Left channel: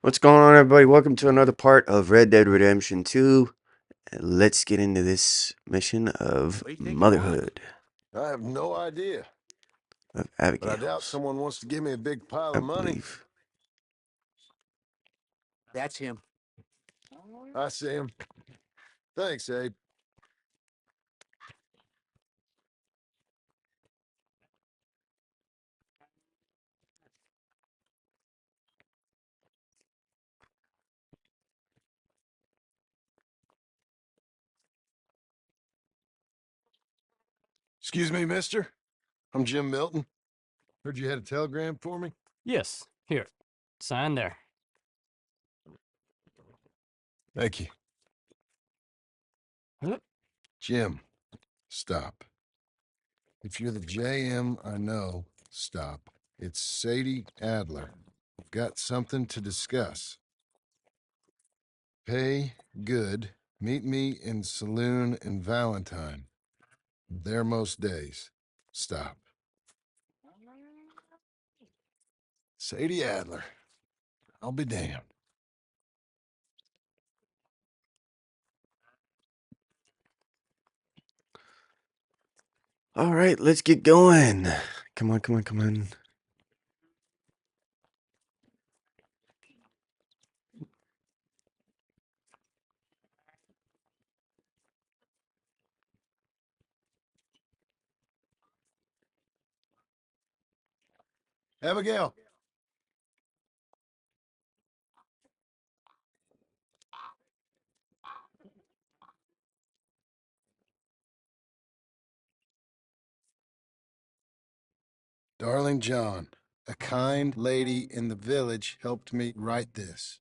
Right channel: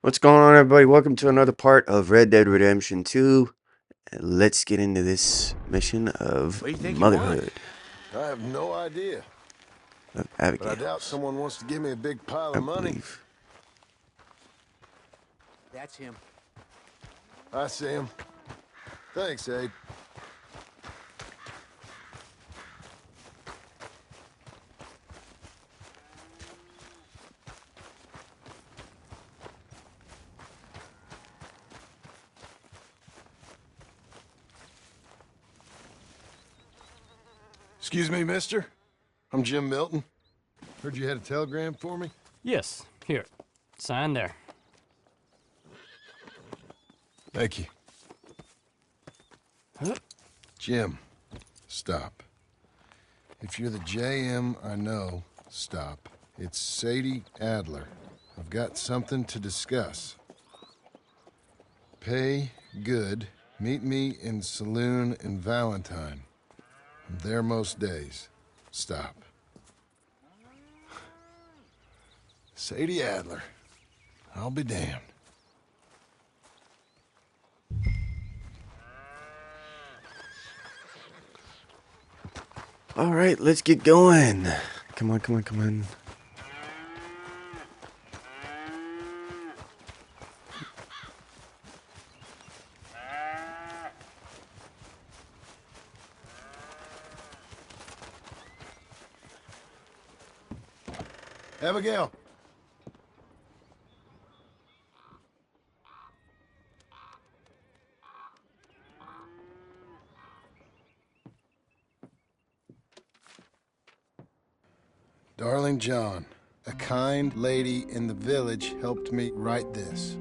What's going on, everybody? Welcome to another part of Red Dead Redemption 2. Let's get into this mission of What do you think you want? motherhood I have no idea, of but I doubt Abigail's, someone wants to give me a big pile I of money. believe. That's him. I see him. Thanks, Abe. Excuse me, mister. I'm Jim Milton. Heard you had a telegram for me? Yes, here. Sign there. Thank you. Huh? Jim, stop. If you're the JM I know, stop. It's Sadie Adler. I've got something to discuss. Pay good. Meet me in Saloon and Valentine. I'm there most days. Stop. Sadie Adler. I'll be damned. All right, let's get going. Come on, come on, come on. Abigail. Darling John, a kind lady in the village helped me write this.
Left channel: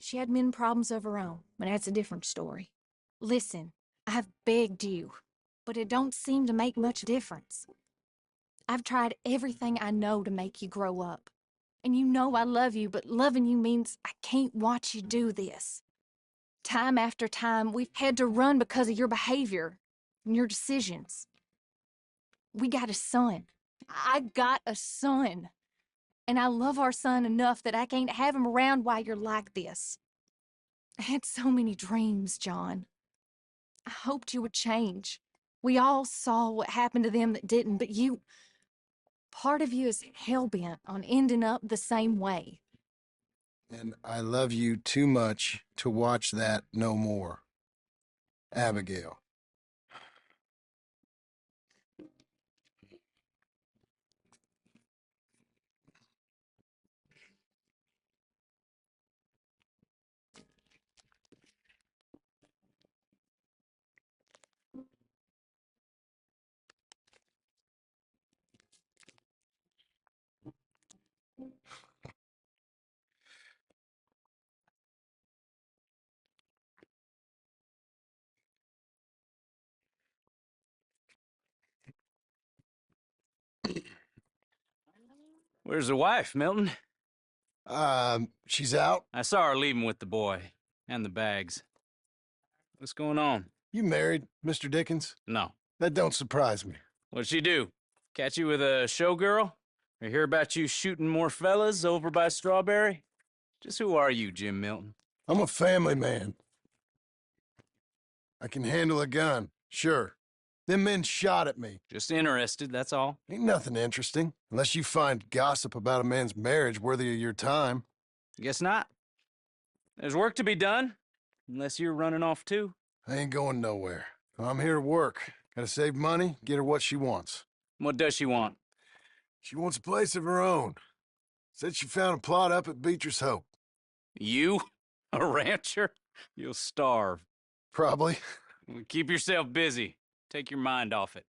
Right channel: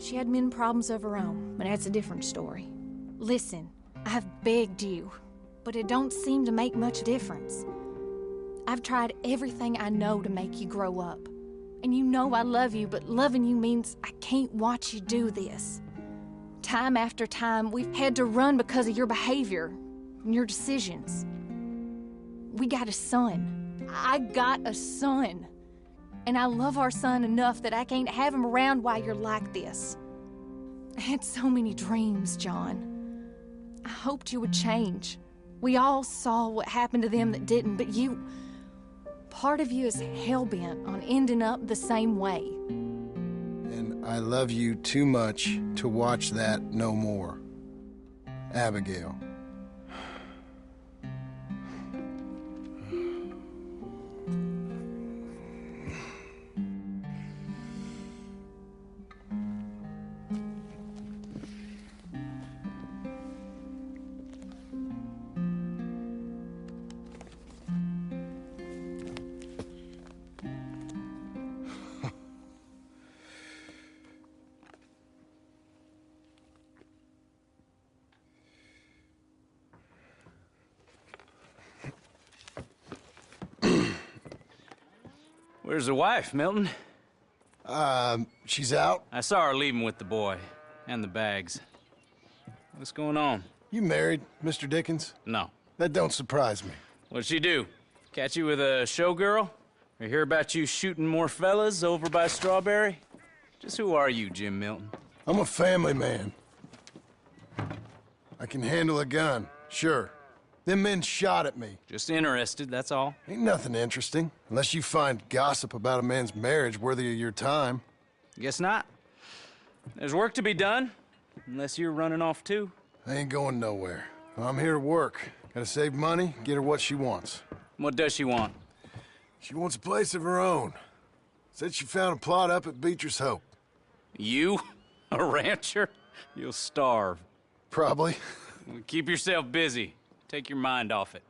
She had men problems of her own, but that's a different story. Listen, I have begged you, but it don't seem to make much difference. I've tried everything I know to make you grow up. And you know I love you, but loving you means I can't watch you do this. Time after time, we've had to run because of your behavior and your decisions. We got a son. I got a son. And I love our son enough that I can't have him around while you're like this. I had so many dreams, John. I hoped you would change. We all saw what happened to them that didn't, but you... Part of you is hell-bent on ending up the same way. And I love you too much to watch that no more. Abigail. Where's the wife, Milton? She's out. I saw her leaving with the boy. And the bags. What's going on? You married, Mr. Dickens? No. That don't surprise me. What'd she do? Catch you with a showgirl? Or hear about you shooting more fellas over by Strawberry? Just who are you, Jim Milton? I'm a family man. I can handle a gun, sure. Them men shot at me. Just interested, that's all. Ain't nothing interesting, unless you find gossip about a man's marriage worthy of your time. Guess not. There's work to be done. Unless you're running off too. I ain't going nowhere. I'm here to work. Gotta save money, get her what she wants. What does she want? She wants a place of her own. Said she found a plot up at Beecher's Hope. You? A rancher? You'll starve. Probably. Keep yourself busy. Take your mind off it.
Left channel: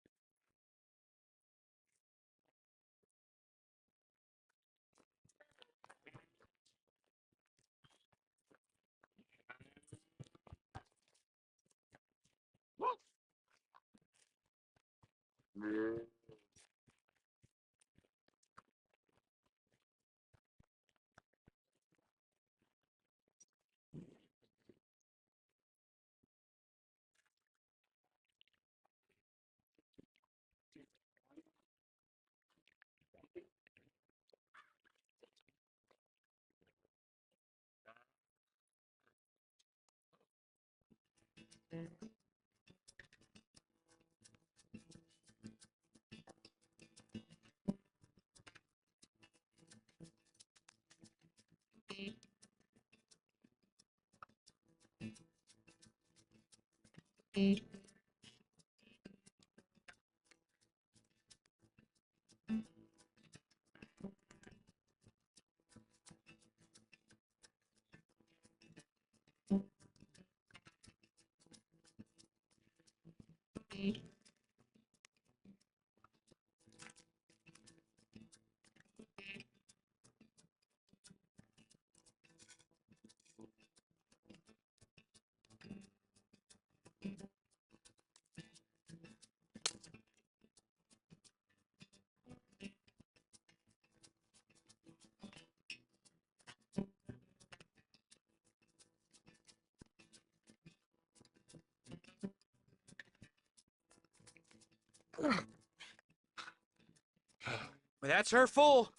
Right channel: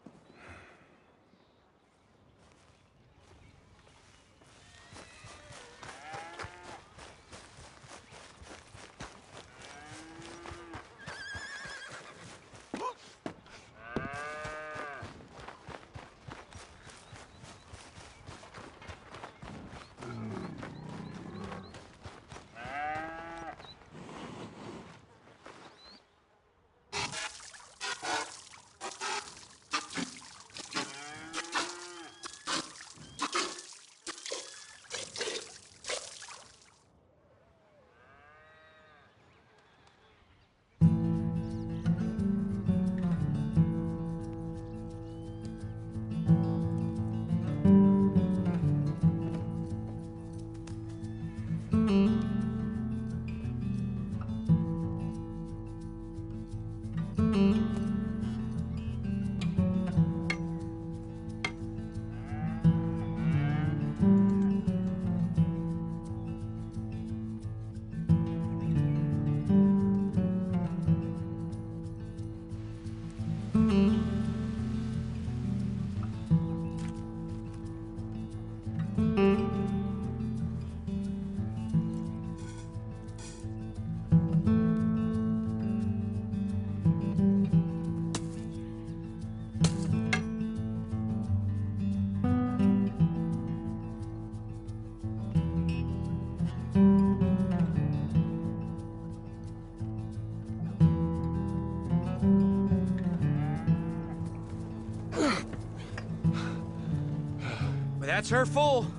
That's her full.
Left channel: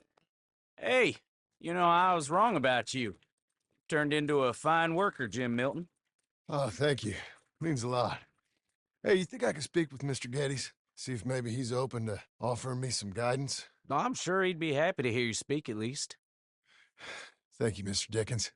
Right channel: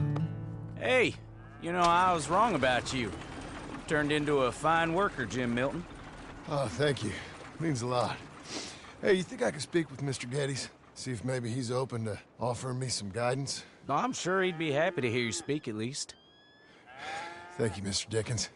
Hey, you know, I was wrong about you. Turned into a fine worker, Jim Milton. Oh, thank you. Means a lot. Hey, you think I could speak with Mr. Geddes? See if maybe he's open to offering me some guidance? I'm sure he'd be happy to hear you speak at least. Thank you, Mr. Dickens.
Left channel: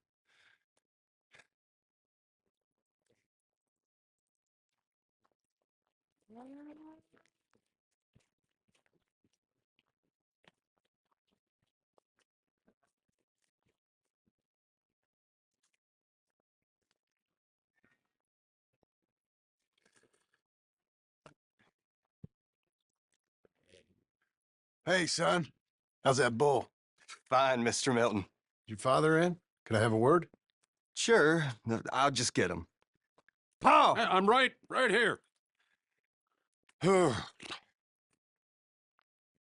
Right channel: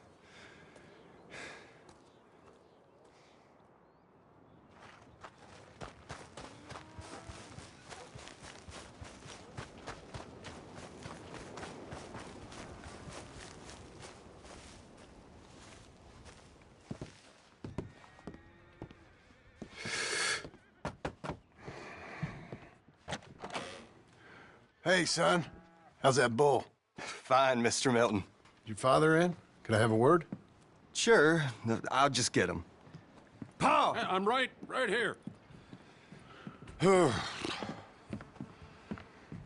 Hey, son. How's that bull? Fine, Mr. Milton. Your father in? Could I have a word? Sure, I'll just get him. Pa! I'm right here.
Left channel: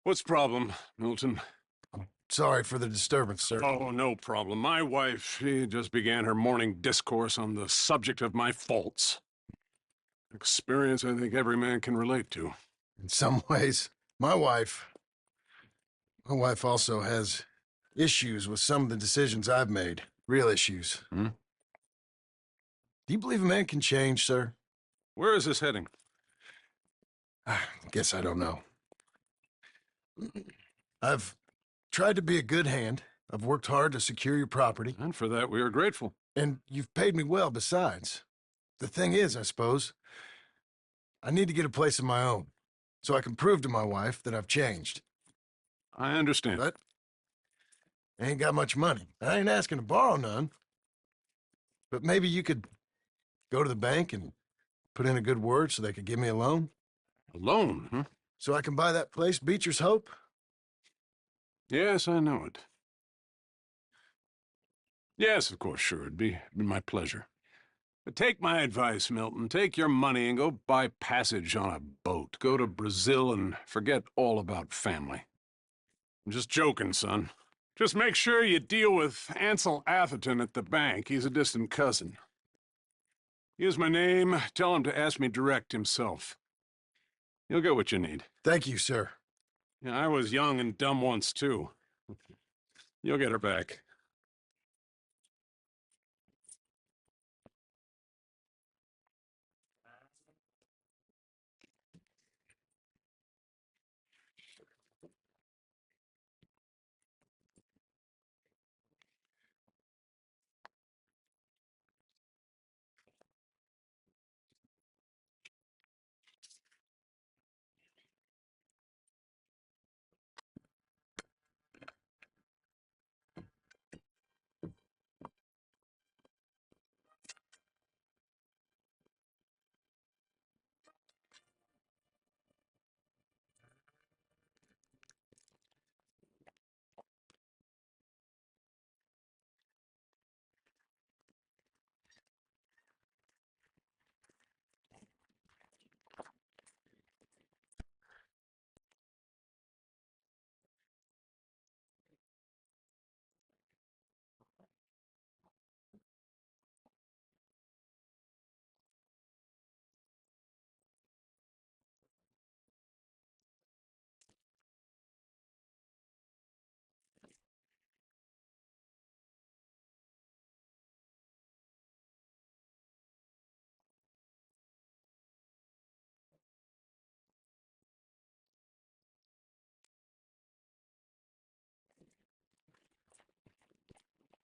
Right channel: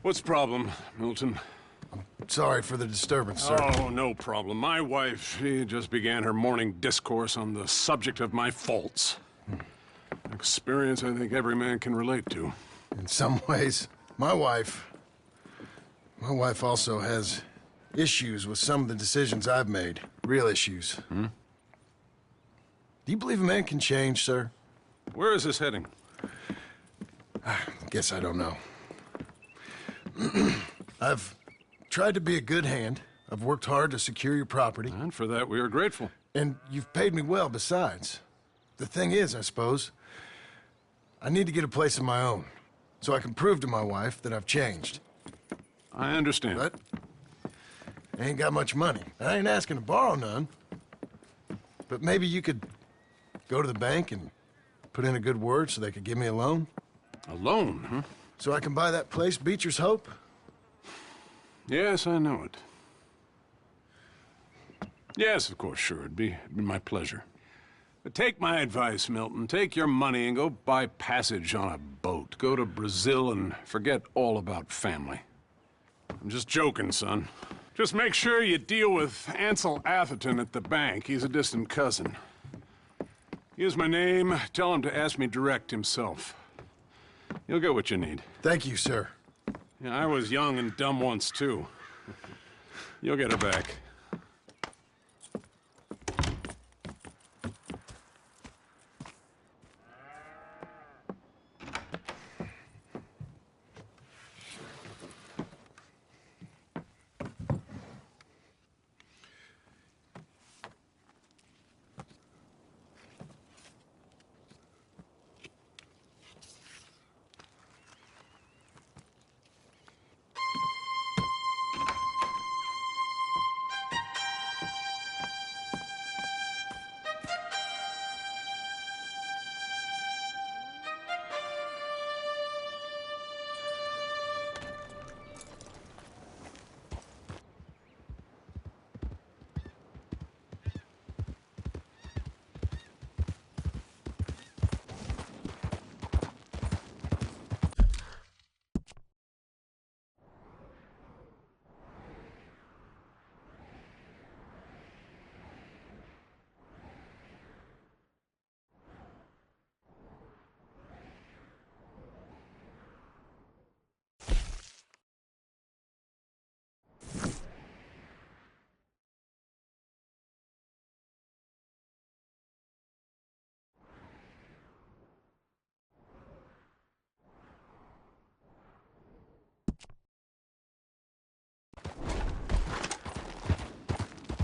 What's the problem, Milton? Sorry for the disturbance, sir. Oh, no problem. My wife, she just began her morning discourse on the subject of my faults. Experience I think every man can relate to. In some ways, my wife also has issues with some of the decisions I've made. Real issues. Hmm? Do you believe a man can change, sir? Where is this heading? Guess I don't know. I've tried to be a good hand. I've worked hard to secure your property. And for that, we are grateful. And you've paid me well besides. The thing is, I suppose, I need to get a place of my own, so I can prove to my wife that I've changed. I understand. But I ain't got much money. I ain't asking to borrow none. But maybe you could go to the bank and put in a good word so they could give me a loan? A loan, huh? So I can buy that place, Beecher's Hope? Yes, I know it. Yes, of course, sure. It'd be my pleasure. But take my advice, Milton. Take your money and go buy passage on a boat. Go to Brazil and forget all about family. I'm just joking, son. Just make sure you deal with Ansel Atherton at the bank. He's a distant cousin. Use my name. Tell him to ask me direct himself. You'll get what you need. Thank you, sir. Yeah, I was young and dumb once, too. You'll get her back.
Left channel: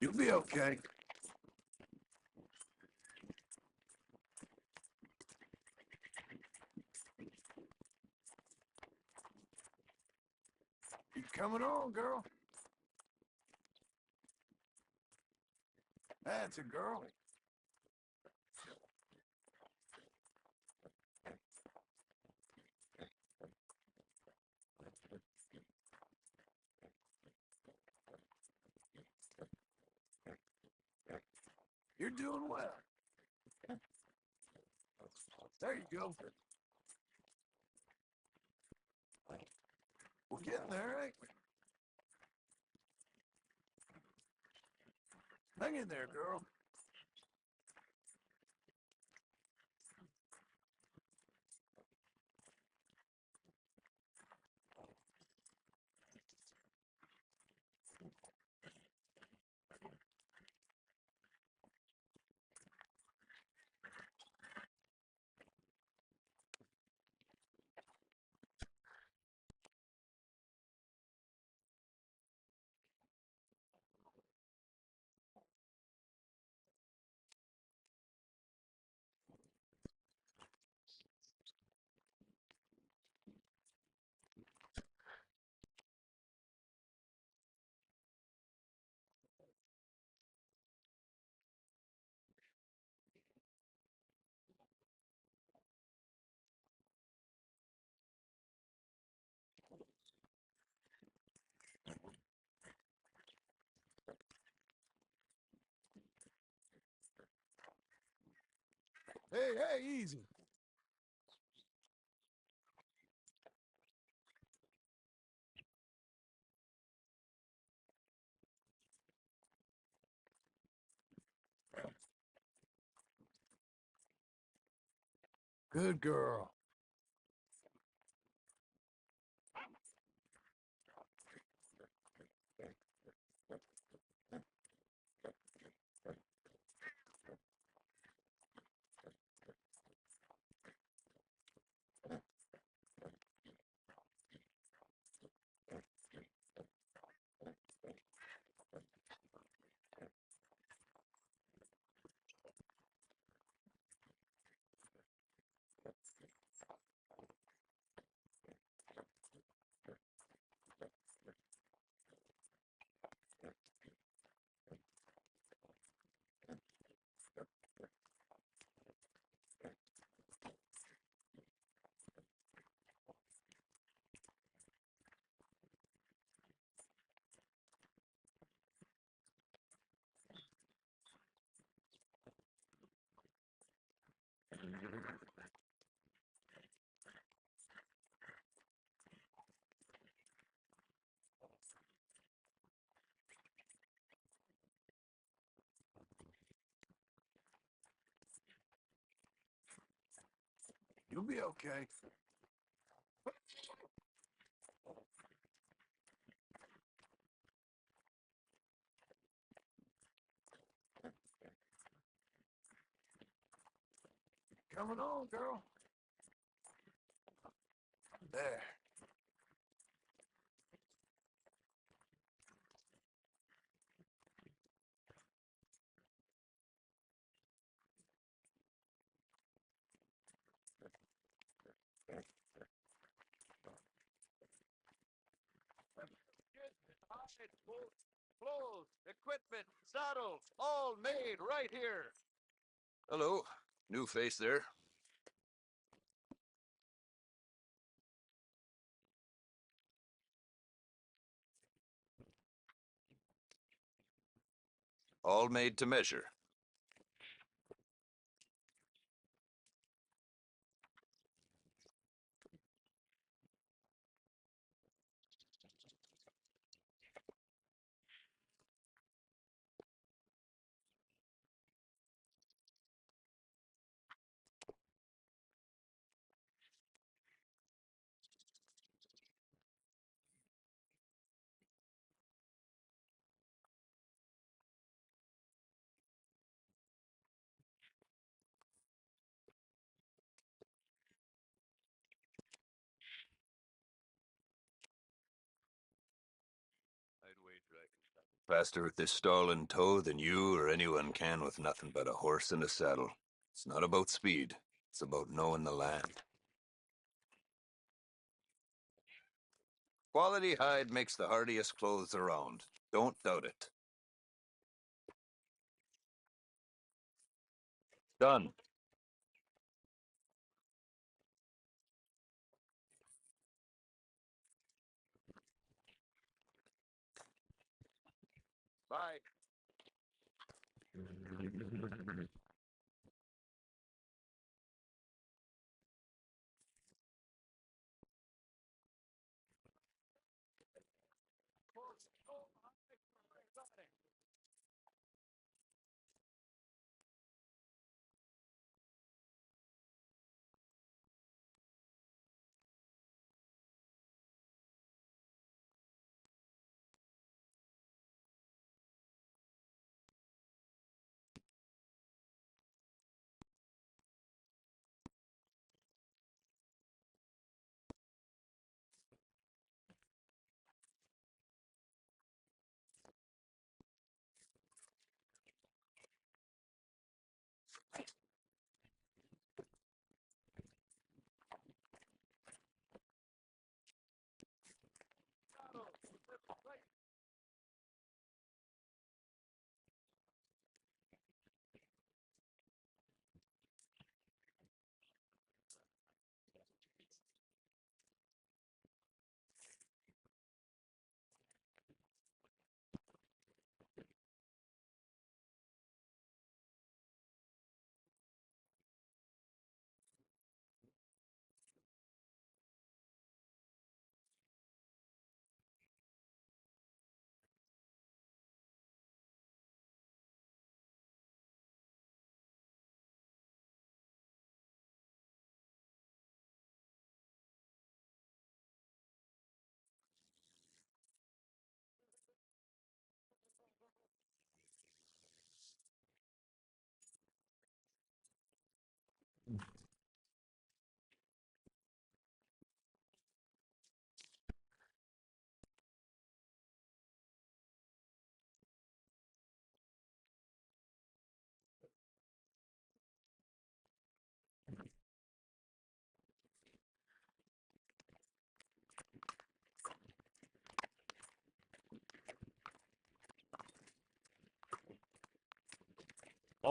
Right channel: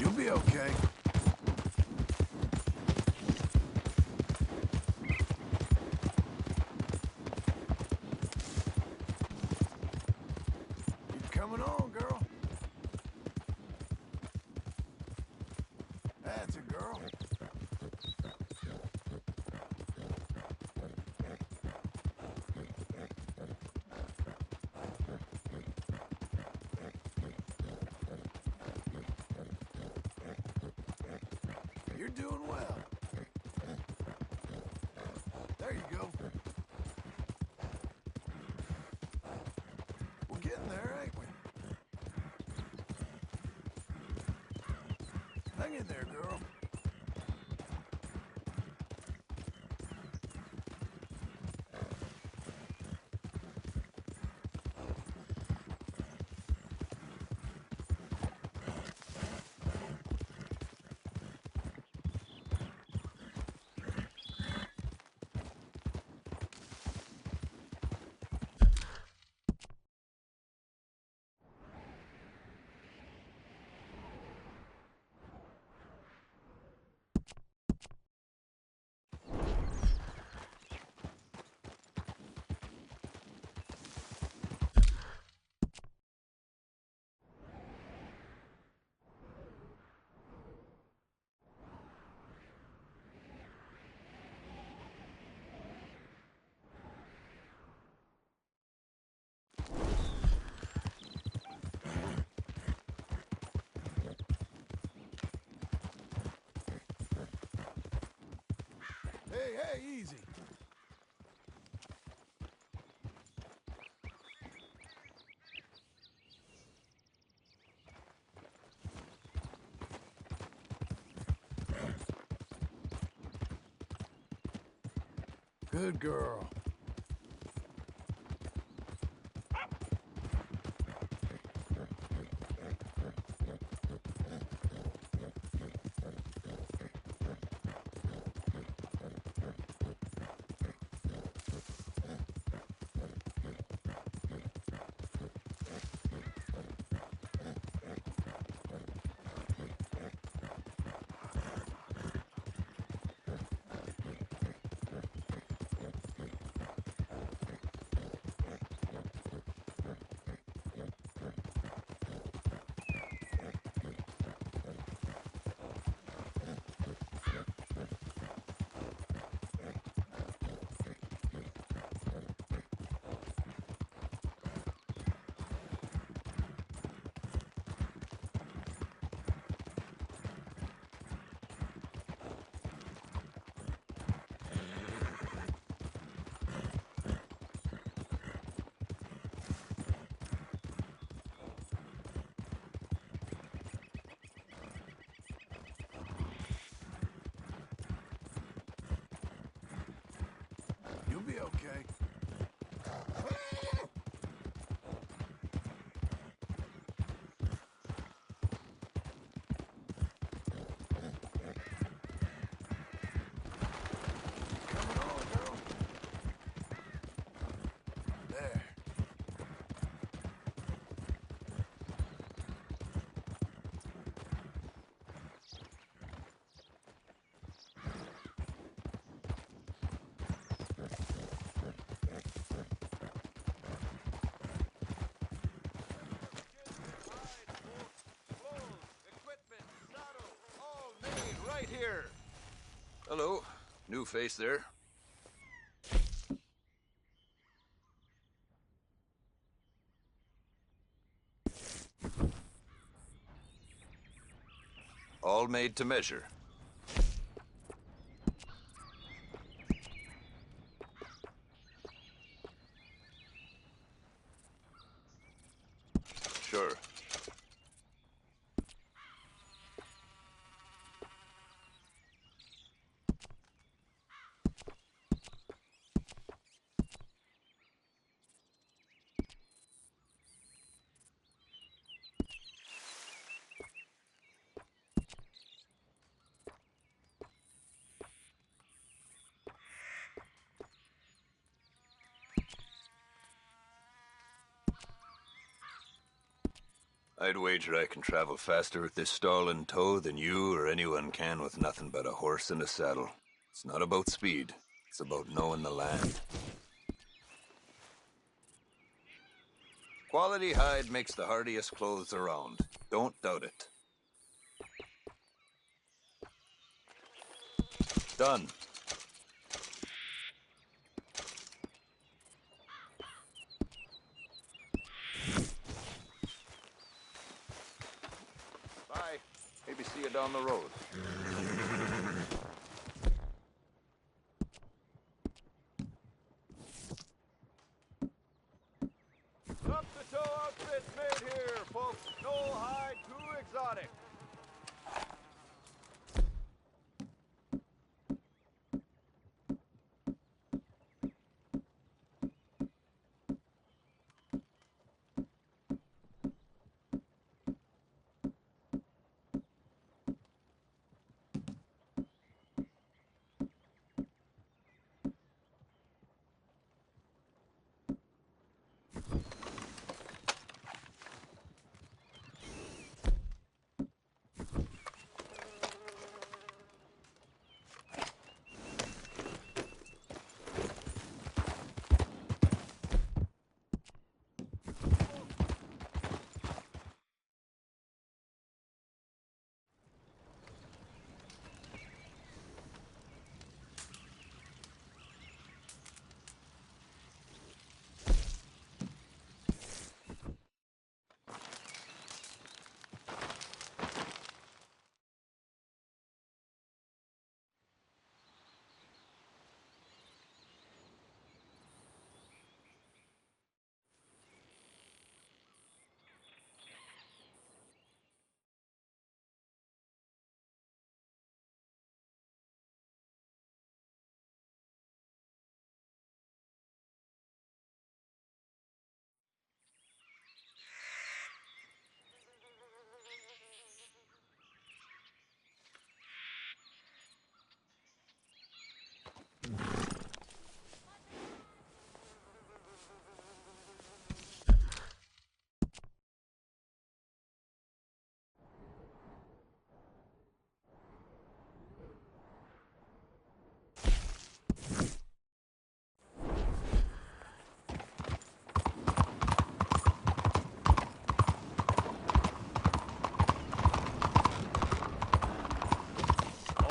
You'll be okay. Keep coming on, girl. That's a girl. You're doing well. There you go. We're getting there, ain't we? Hang in there, girl. Hey, easy. Good girl. You'll be okay. Coming on, girl. There. Equipment, saddles, all made right here. Hello. New face there. All made to measure. Sure. I'd wager I can travel faster with this stall in tow than you or anyone can with nothing but a horse and a saddle. It's not about speed. It's about knowing the land. Quality hide makes the hardiest clothes around. Don't doubt it. Done. Bye. Maybe see you down the road. Up-to-toe outfits made here, folks. No hide too exotic.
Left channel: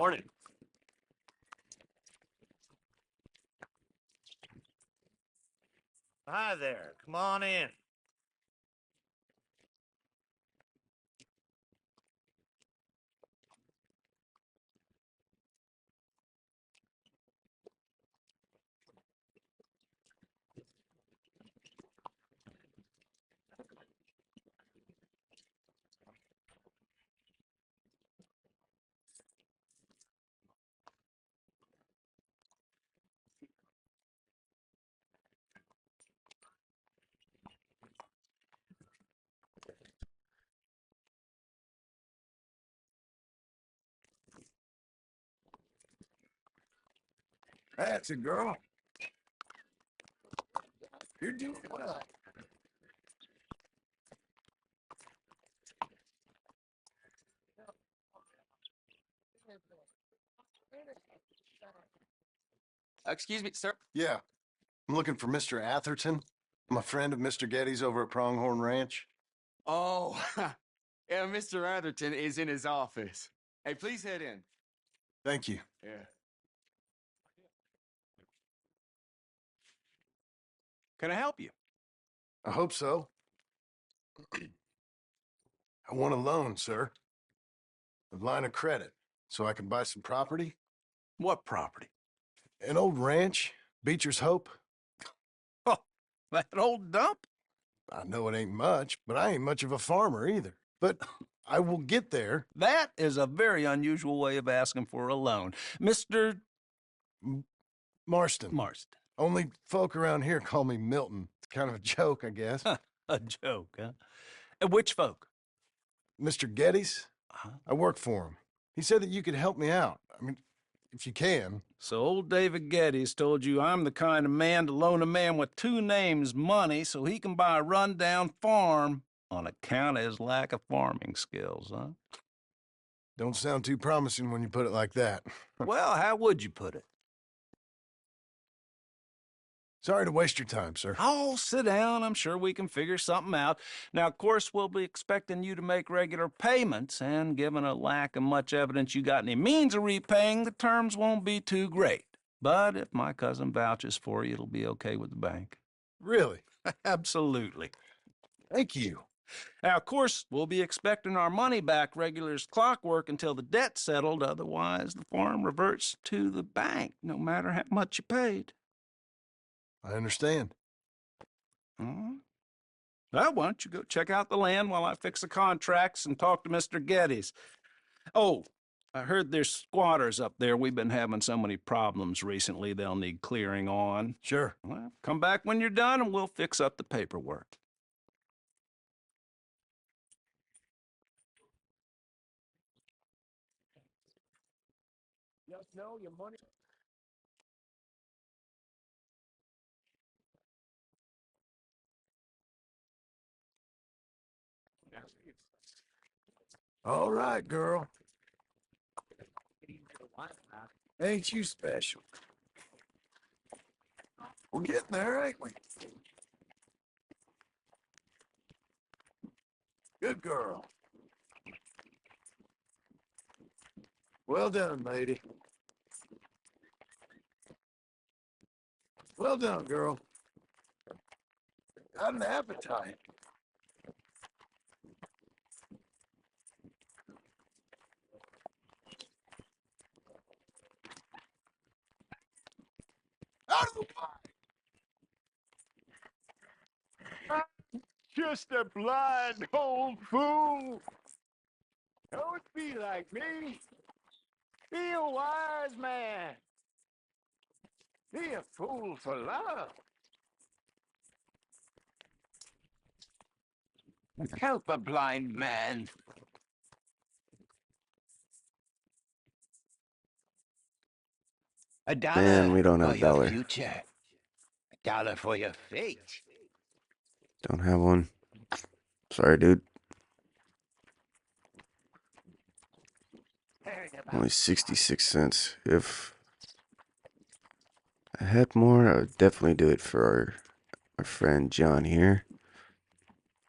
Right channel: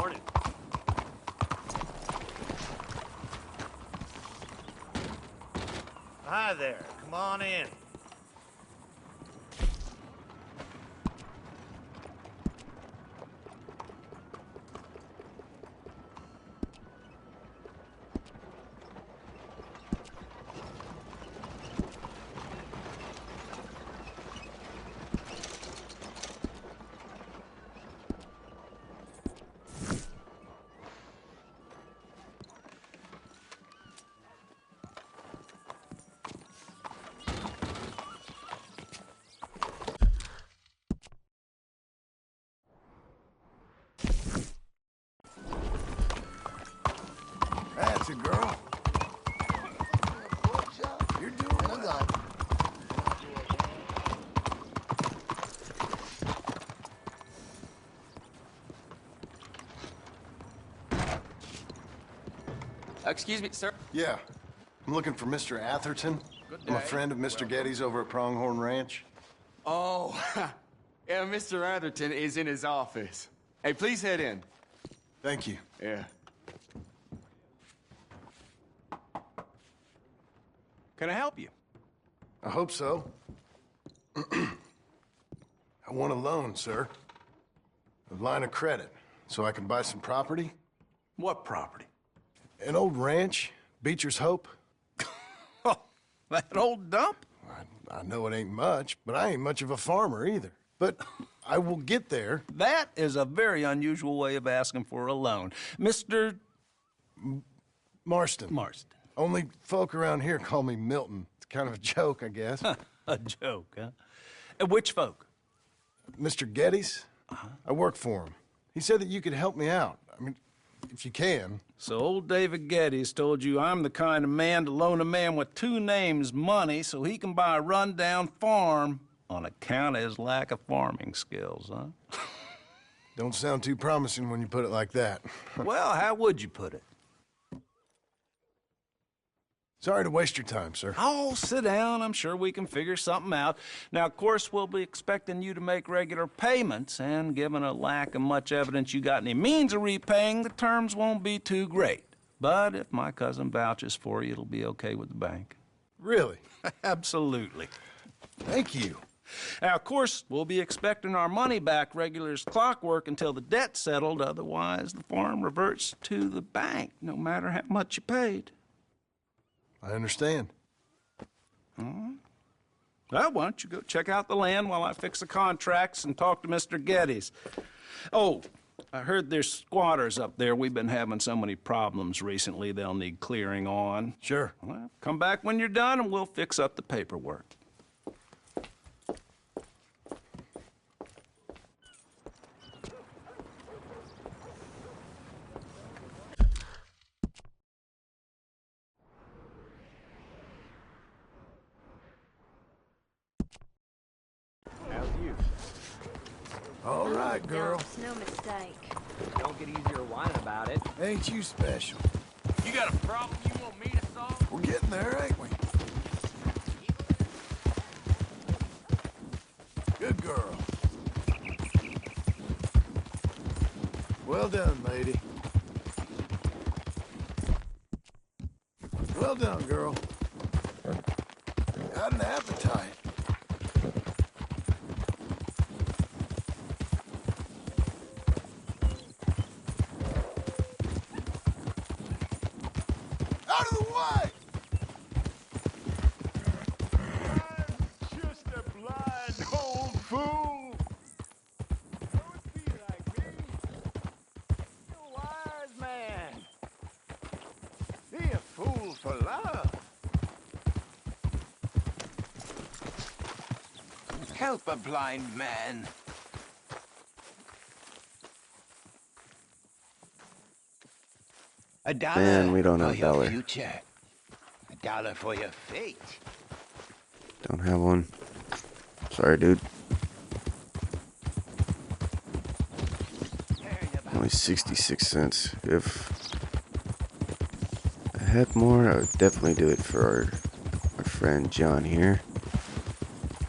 Morning. Hi there. Come on in. That's it, girl. You're doing well. Excuse me, sir. Yeah. I'm looking for Mr. Atherton. I'm a friend of Mr. Getty's over at Pronghorn Ranch. Oh, yeah, Mr. Atherton is in his office. Hey, please head in. Thank you. Yeah. Can I help you? I hope so. I want a loan, sir. A line of credit, so I can buy some property. What property? An old ranch, Beecher's Hope. Oh, that old dump? I know it ain't much, but I ain't much of a farmer either. But I will get there. That is a very unusual way of asking for a loan. Mr. Marston. Marston. Only folk around here call me Milton. It's kind of a joke, I guess. A joke, huh? And which folk? Mr. Getty's? I work for him. He said that you could help me out. I mean, if you can. So old David Geddes told you I'm the kind of man to loan a man with two names money so he can buy a rundown farm on account of his lack of farming skills, huh? Don't sound too promising when you put it like that. Well, how would you put it? Sorry to waste your time, sir. Oh, sit down. I'm sure we can figure something out. Now, of course, we'll be expecting you to make regular payments, and given a lack of much evidence you got any means of repaying, the terms won't be too great. But if my cousin vouches for you, it'll be okay with the bank. Really? Absolutely. Thank you. Now, of course, we'll be expecting our money back regular as clockwork until the debt's settled. Otherwise, the farm reverts to the bank, no matter how much you paid. I understand. Well, why don't you go check out the land while I fix the contracts and talk to Mr. Geddes. Oh, I heard there's squatters up there. We've been having so many problems recently they'll need clearing on. Sure. Well, come back when you're done and we'll fix up the paperwork. All right, girl. It's no mistake. Don't get easier whining about it. Ain't you special? You got a problem you want me to solve? We're getting there, ain't we? Good girl. Well done, lady. Well done, girl. Got an appetite. Out of the way! I'm just a blind old fool. Don't be like me. Be a wise man. Be a fool for love. Help a blind man. A dollar Man, we don't have for a your dollar. future. A dollar for your fate. Don't have one. Sorry, dude. Only 66 cents. If I had more, I would definitely do it for our friend John here.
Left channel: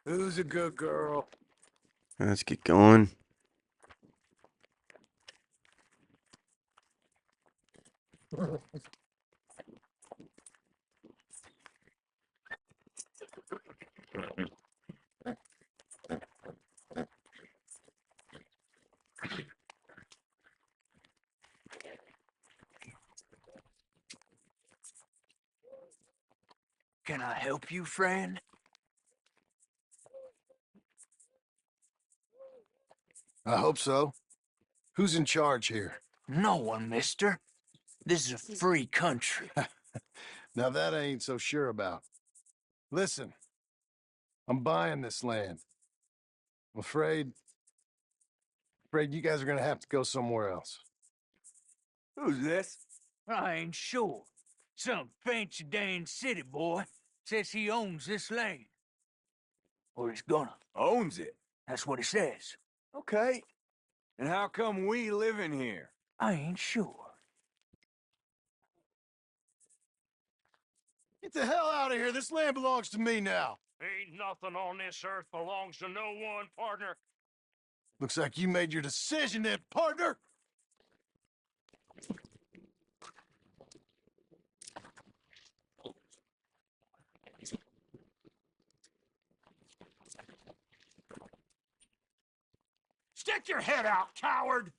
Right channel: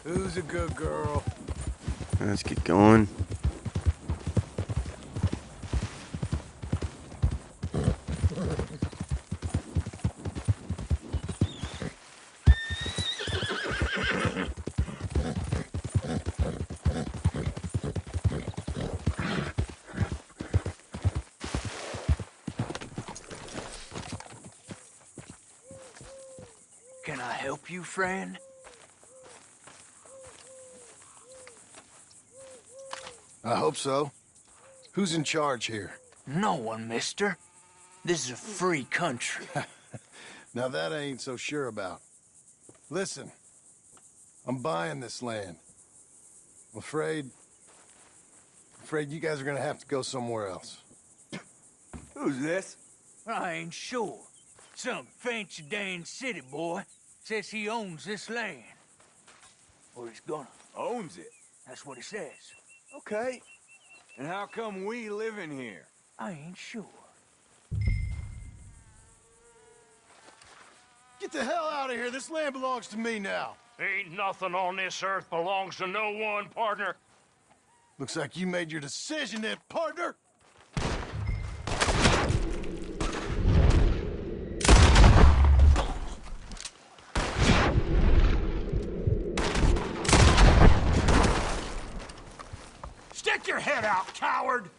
Who's a good girl? Let's get going. Can I help you, friend? I hope so. Who's in charge here? No one, mister. This is a free country. Now that I ain't so sure about. Listen, I'm buying this land. I'm afraid you guys are gonna have to go somewhere else. Who's this? I ain't sure. Some fancy Dan city boy says he owns this land. Or he's gonna. Owns it. That's what he says. Okay. And how come we live in here? I ain't sure. Get the hell out of here. This land belongs to me now. Ain't nothing on this earth belongs to no one, partner. Looks like you made your decision then, partner. Stick your head out, coward!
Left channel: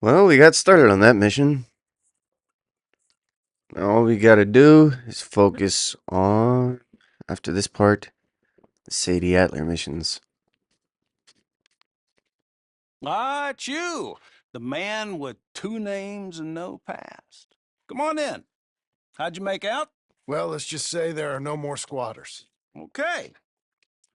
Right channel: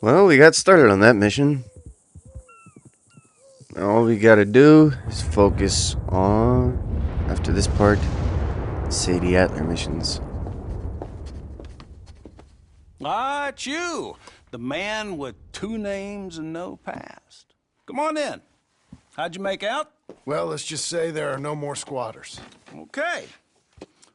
Well, we got started on that mission. All we gotta do is focus on, after this part, Sadie Adler missions. Ah, it's you, the man with 2 names and no past. Come on in. How'd you make out? Well, let's just say there are no more squatters. Okay.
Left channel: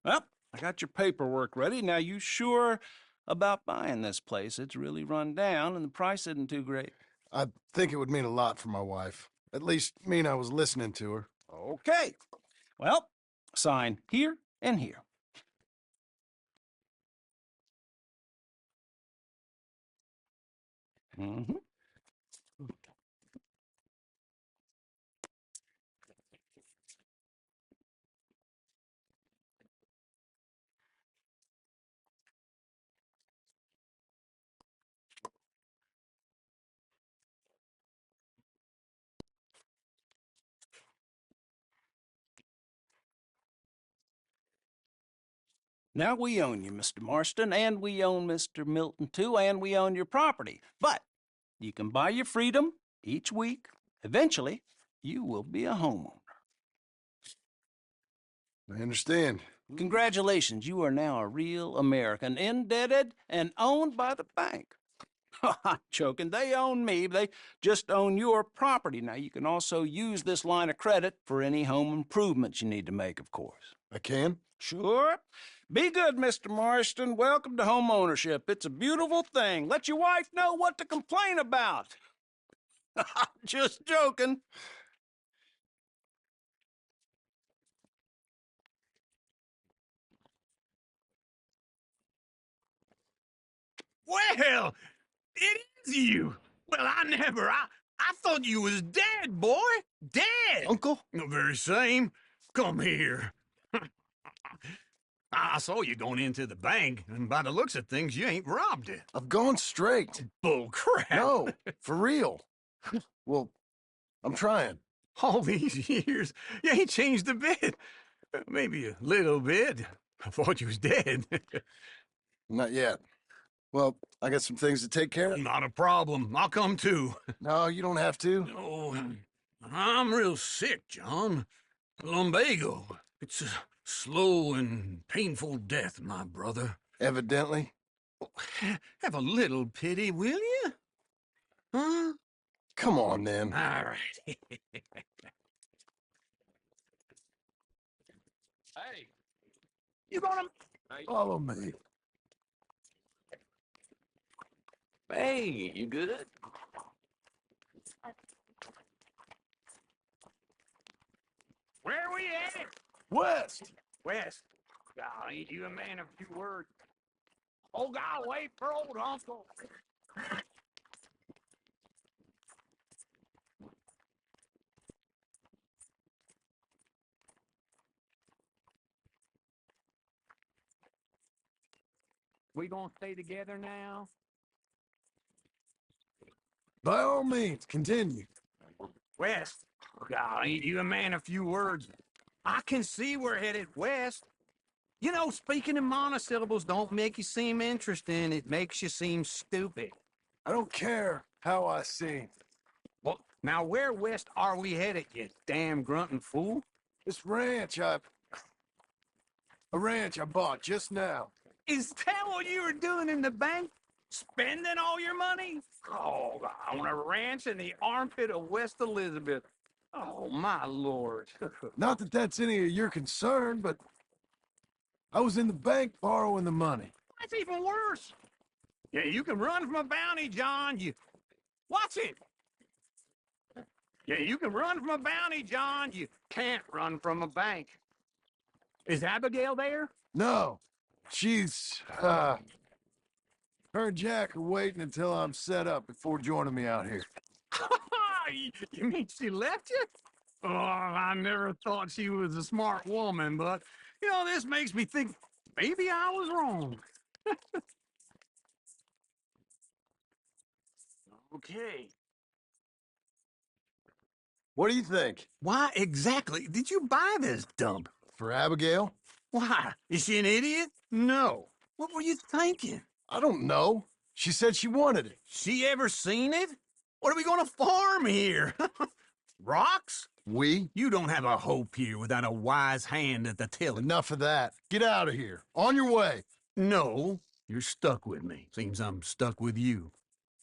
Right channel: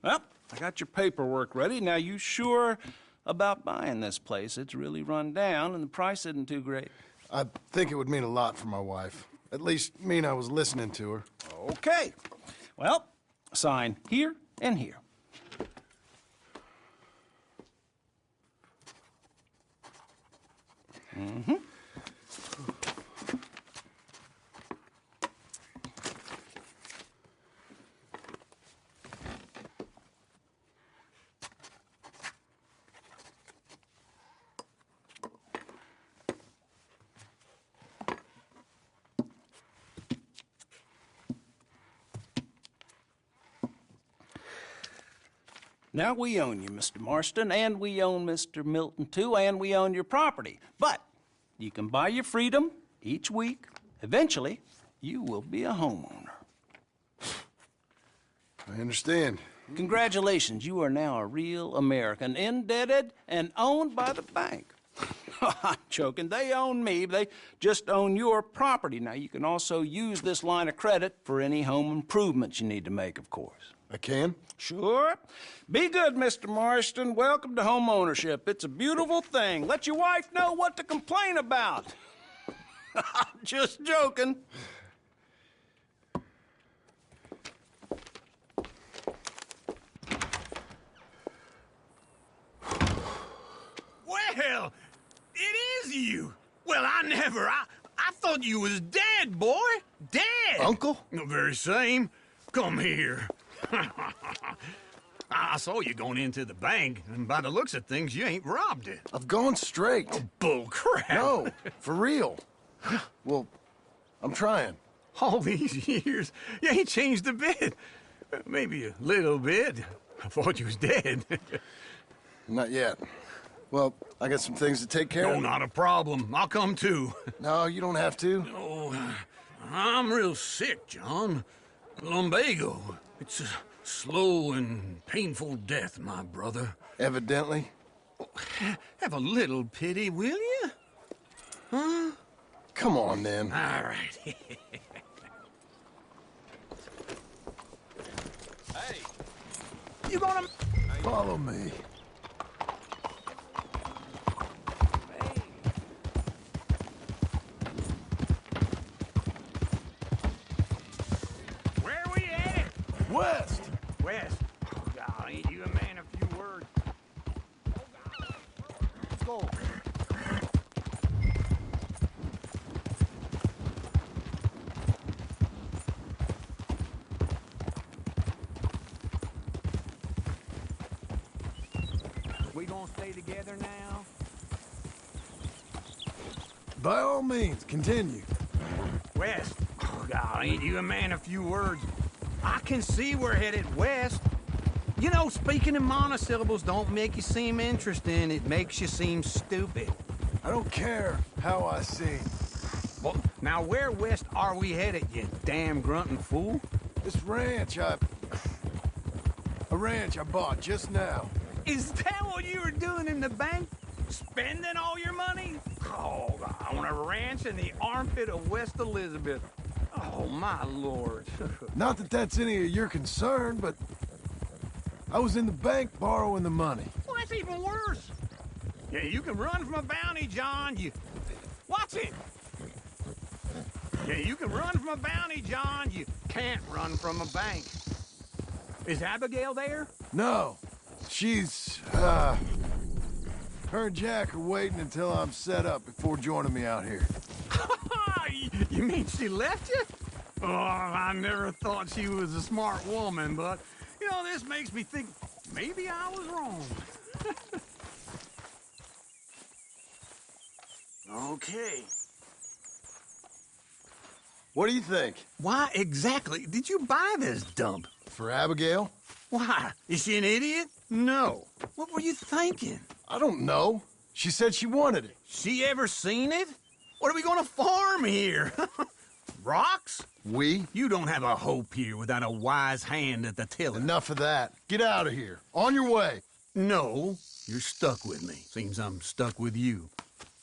Well, I got your paperwork ready. Now, you sure about buying this place? It's really run down, and the price isn't too great. I think it would mean a lot for my wife. At least mean I was listening to her. Okay. Well, sign here and here. Mm-hmm. Now, we own you, Mr. Marston, and we own Mr. Milton, too, and we own your property. But you can buy your freedom each week. Eventually, you will be a homeowner. I understand. Congratulations, you are now a real American, indebted and owned by the bank. I'm joking. They own me. They just own your property. Now, you can also use this line of credit for any home improvements you need to make, of course. I can? Sure. Be good, Mr. Marston. Welcome to home ownership. It's a beautiful thing. Let your wife know what to complain about. I'm just joking. Well, it is you. Well, I thought you was dead, boy. Dead. Uncle? The very same. Come here. I saw you going into the bank, and by the looks of things, you ain't robbed it. I've gone straight. Bull crap. No, for real. Well, I'm trying. All these years, you ain't changed a bit. Maybe a little bit. I thought you was dead. Not yet. Well, I got some things to take care No, of. not a problem. I'll come too. No, you don't have to. Oh, I'm real sick, John. Lumbago. It's a slow and painful death, my brother. Evidently. Have a little pity, will you? Huh? Come on, then. All right. Hey, You gonna... Follow me. hey, you good? Where we at? West! West. Oh, God, ain't you a man of few words? Oh, God, wait for old Uncle. all means, continue. West. Oh, God, ain't you a man of few words? I can see we're headed west. You know, speaking in monosyllables don't make you seem interesting. It makes you seem stupid. I don't care how I sing. Well, now where west are we headed, you damn grunting fool? This ranch a ranch I bought just now. Is that what you were doing in the bank? Spending all your money? Oh, on a ranch in the armpit of West Elizabeth. Oh, my lord. Not that that's any of your concern, but I was in the bank borrowing the money. Well, that's even worse. Yeah, you can run from a bounty, John. Watch it. Yeah, you can run from a bounty, John. You can't run from a bank. Is Abigail there? No. She's, her and Jack are waiting until I'm set up before joining me out here. You mean she left you? Oh, I never thought she was a smart woman, but, you know, this makes me think maybe I was wrong. Okay. What do you think? Why exactly did you buy this dump? For Abigail? Why? Is she an idiot? No. What were you thinking? I don't know. She said she wanted it. She ever seen it? What are we gonna farm here? Rocks? We? You don't have a hope here without a wise hand at the tiller. Enough of that. Get out of here. On your way. No, you're stuck with me. Seems I'm stuck with you.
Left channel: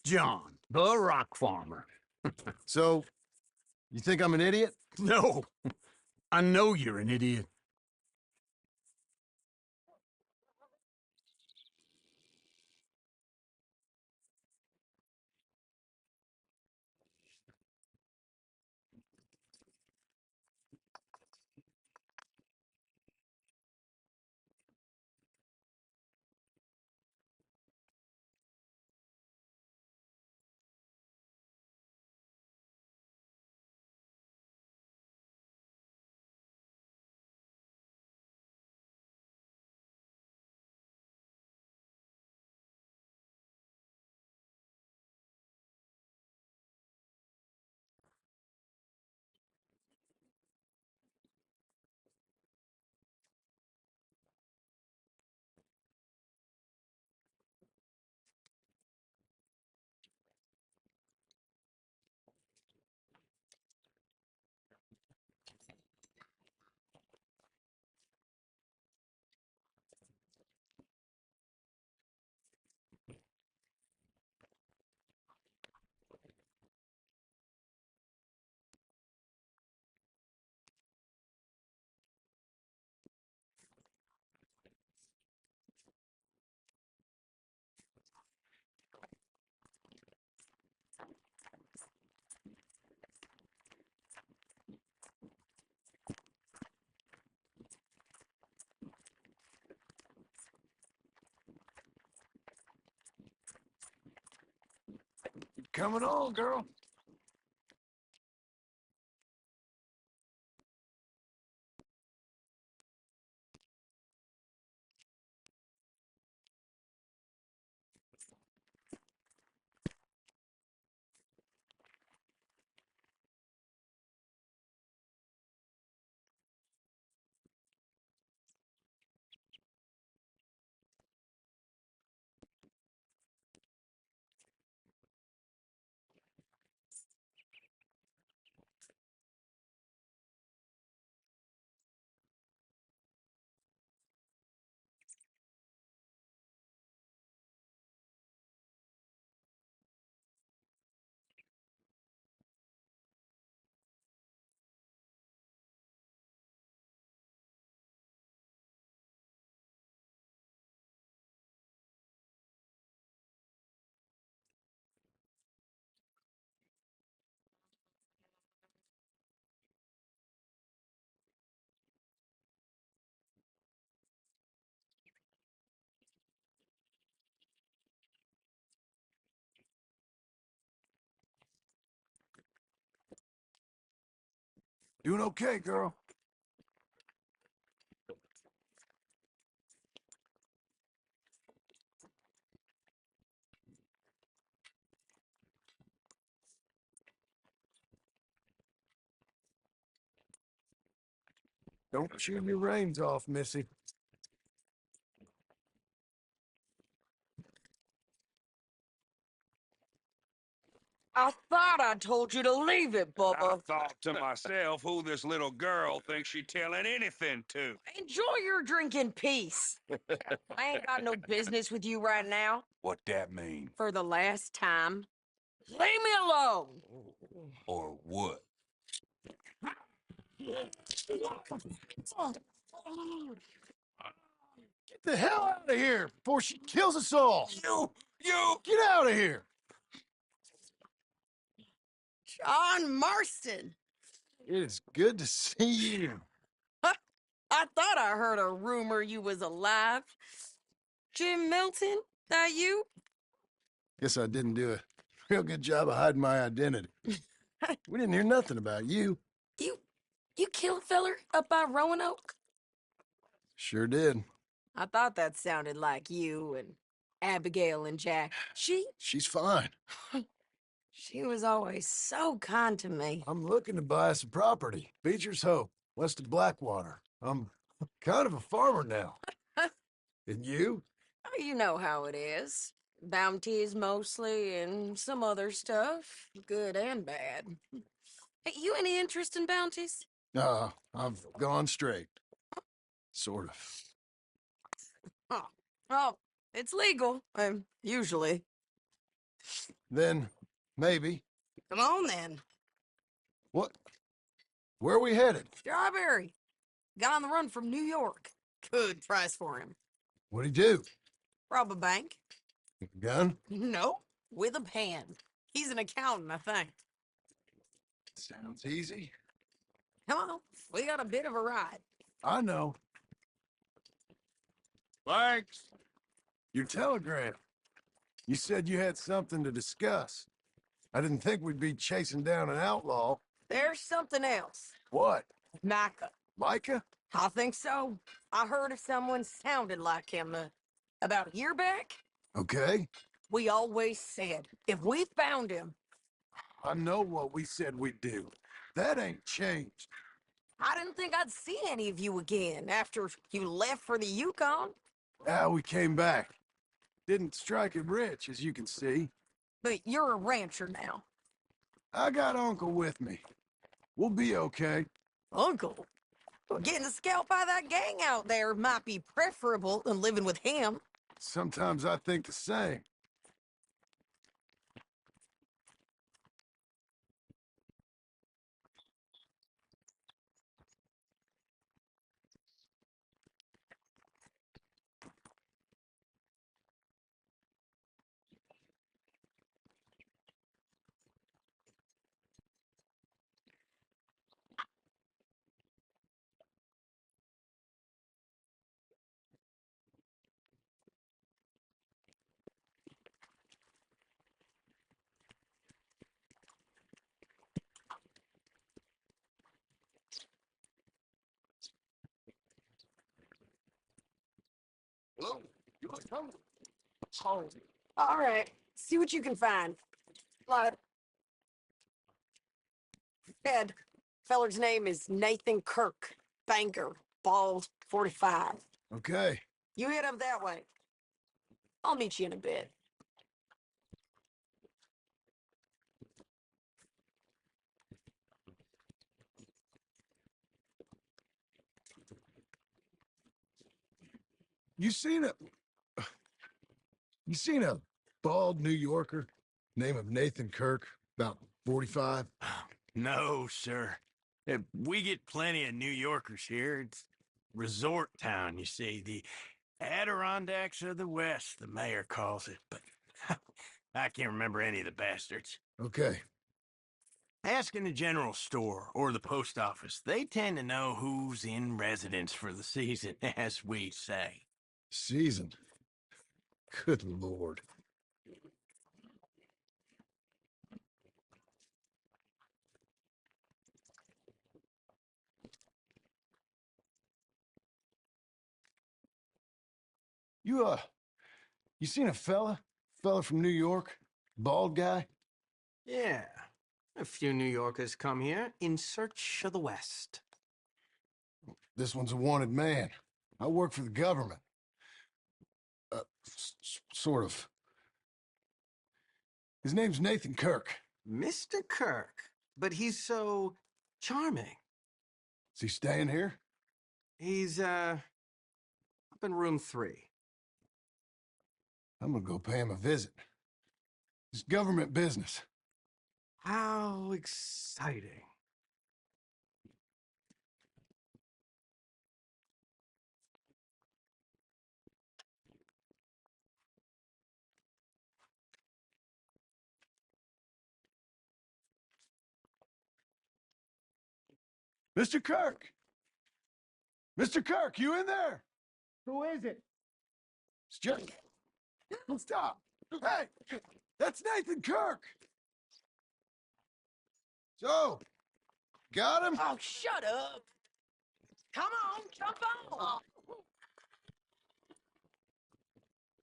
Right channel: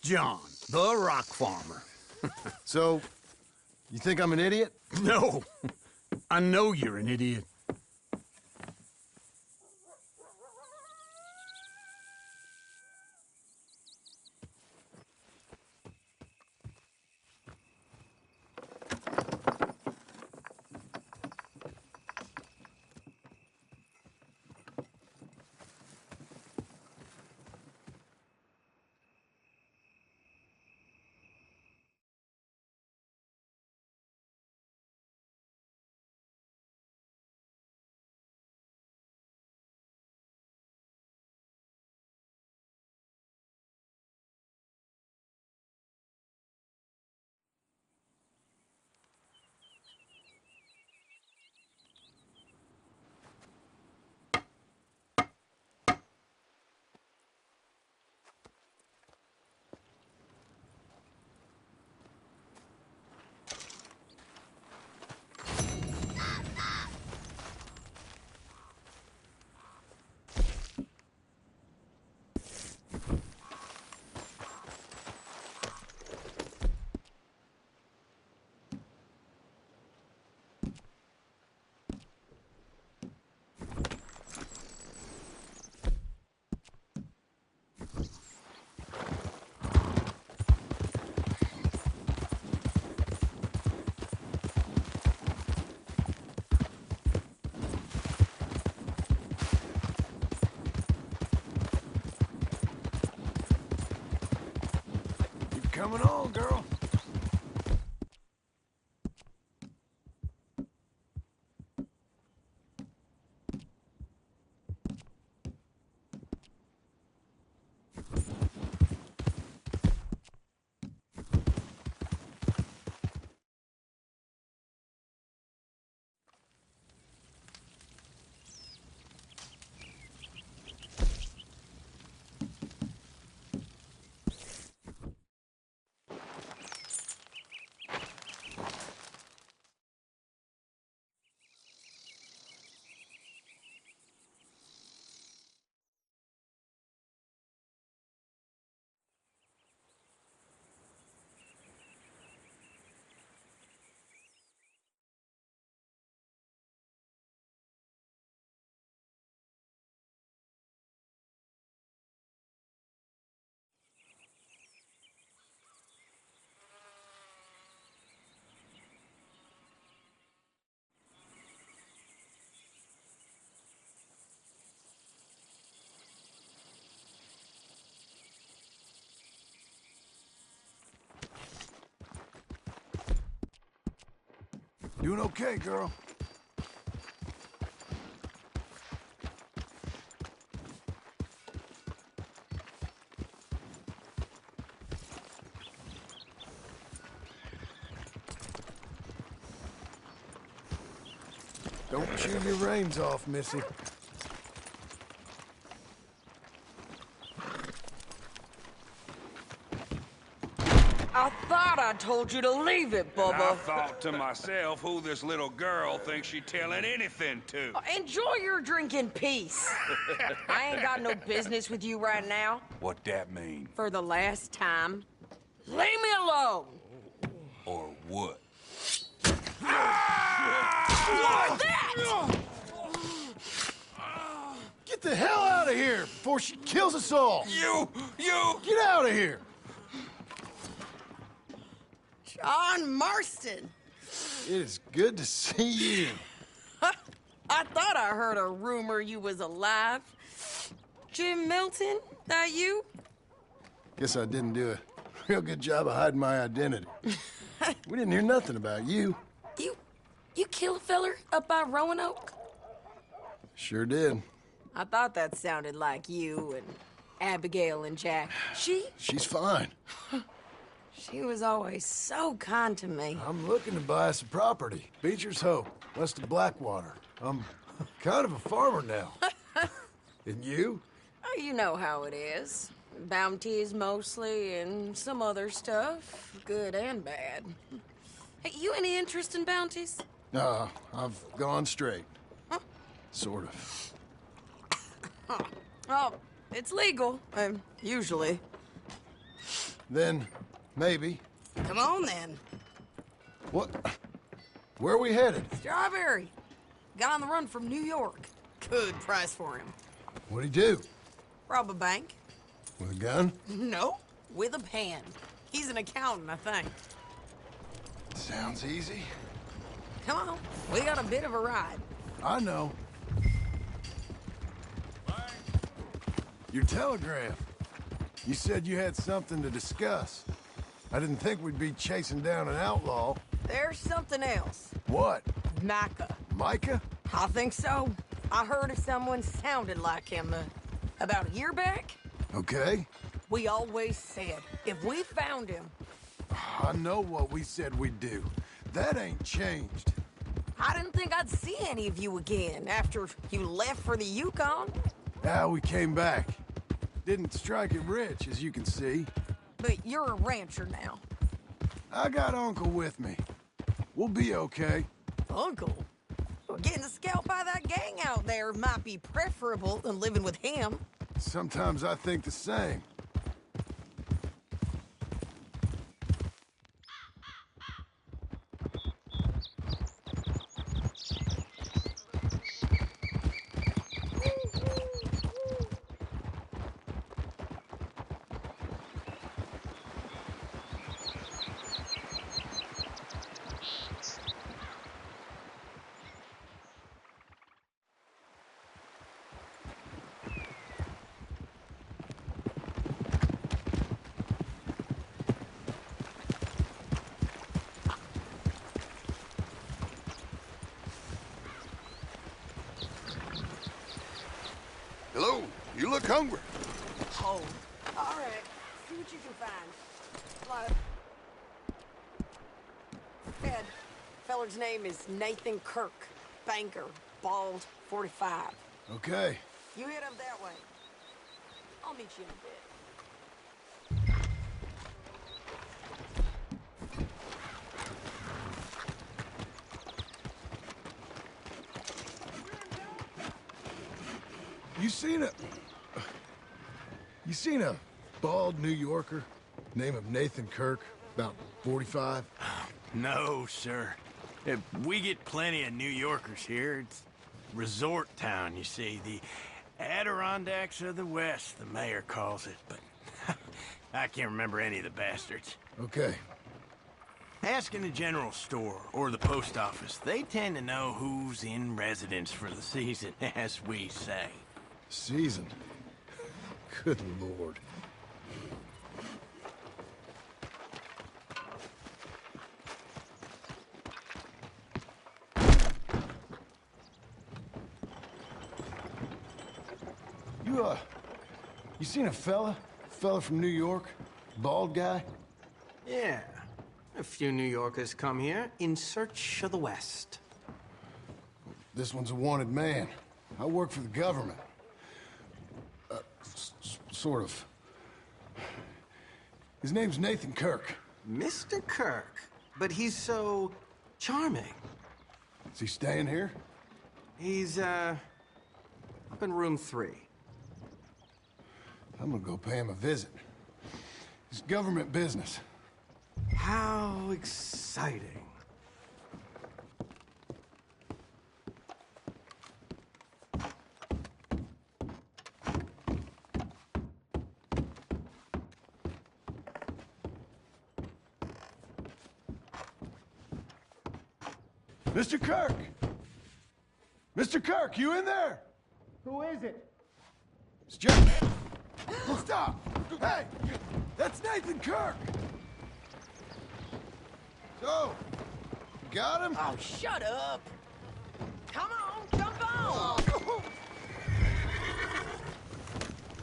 John, the rock farmer. So, you think I'm an idiot? No, I know you're an idiot. Coming on, girl. Doing okay, girl. Don't chew your reins off, Missy. I thought I told you to leave it, And I Bubba. thought to myself who this little girl thinks she telling anything to. Enjoy your drink in peace. I ain't got no business with you right now. What that mean? For the last time, leave me alone. Or what? What's that? Get the hell out of here before she kills us all! You! Get out of here! John Marston. It is good to see you. I thought I heard a rumor you was alive. Jim Milton, that you? Guess I didn't do a real good job of hiding my identity. We didn't hear nothing about you. You killed a feller up by Roanoke? Sure did. I thought that sounded like you and Abigail and Jack. She's fine. She was always so kind to me. I'm looking to buy us a property. Beecher's Hope, west of Blackwater. I'm kind of a farmer now. And you? Oh, you know how it is. Bounties mostly, and some other stuff, good and bad. Hey, you any interest in bounties? I've gone straight. Huh? Sort of. Oh, it's legal, usually. Then, maybe. Come on, then. What? Where are we headed? Strawberry. Got on the run from New York. Good price for him. What'd he do? Rob a bank. With a gun? No, with a pen. He's an accountant, I think. Sounds easy. Come on, we got a bit of a ride. I know. Thanks. Your telegram. You said you had something to discuss. I didn't think we'd be chasing down an outlaw. There's something else. What? Micah. Micah? I think so. I heard of someone sounded like him about a year back. Okay. We always said, if we found him... I know what we said we'd do. That ain't changed. I didn't think I'd see any of you again after you left for the Yukon. Now we came back. Didn't strike it rich, as you can see. But you're a rancher now. I got Uncle with me. We'll be okay. Uncle? Well, getting scalped by that gang out there might be preferable than living with him. Sometimes I think the same. Hello, you look hungry. Oh, all right. See what you can find. Like, Ed, feller's name is Nathan Kirk. Banker, bald, 45. Okay. You head up that way. I'll meet you in a bit. You seen a bald New Yorker, name of Nathan Kirk, about 45? No, sir. We get plenty of New Yorkers here. It's resort town, you see. The Adirondacks of the West, the mayor calls it. But I can't remember any of the bastards. Okay. Ask in the general store or the post office. They tend to know who's in residence for the season, as we say. Season? Good Lord. You seen a fella from New York? Bald guy? Yeah. A few New Yorkers come here in search of the West. This one's a wanted man. I work for the government. Sort of. His name's Nathan Kirk. Mr. Kirk? But he's so charming. Is he staying here? He's, up in room 3. I'm gonna go pay him a visit. It's government business. How exciting. Mr. Kirk! Mr. Kirk, you in there? Who is it? It's Jack. Stop! Hey! That's Nathan Kirk! So, you got him? Oh, shut up! Come on, jump on!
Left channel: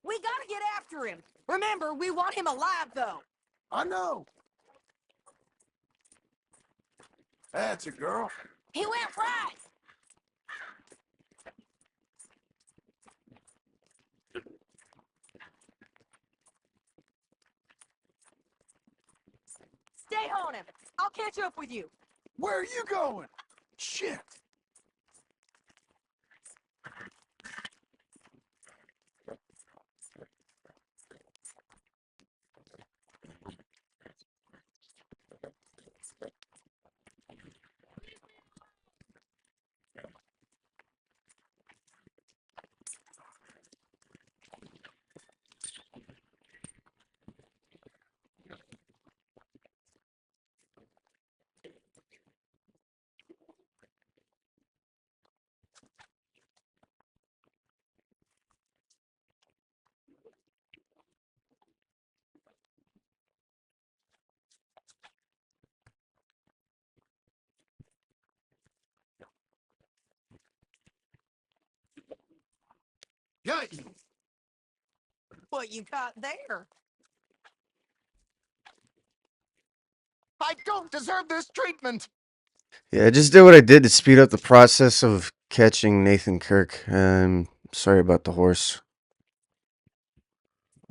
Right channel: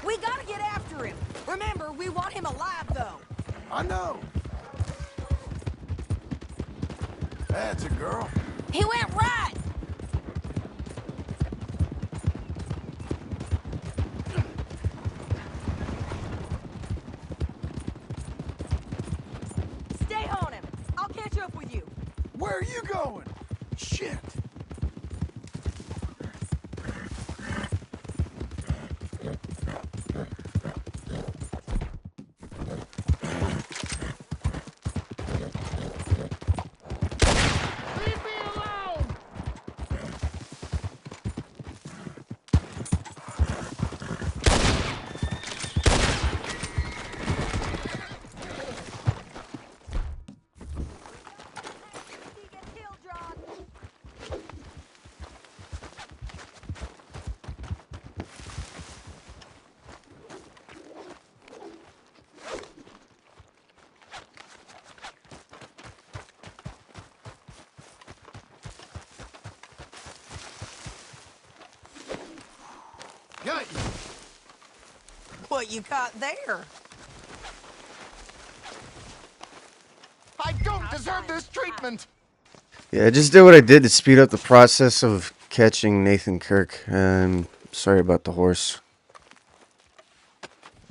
We gotta get after him. Remember, we want him alive, though. I know. That's a girl. He went right. Stay on him. I'll catch up with you. Where are you going? Shit. Got you. What you got there? I don't deserve this treatment! Yeah, I just did what I did to speed up the process of catching Nathan Kirk. Sorry about the horse.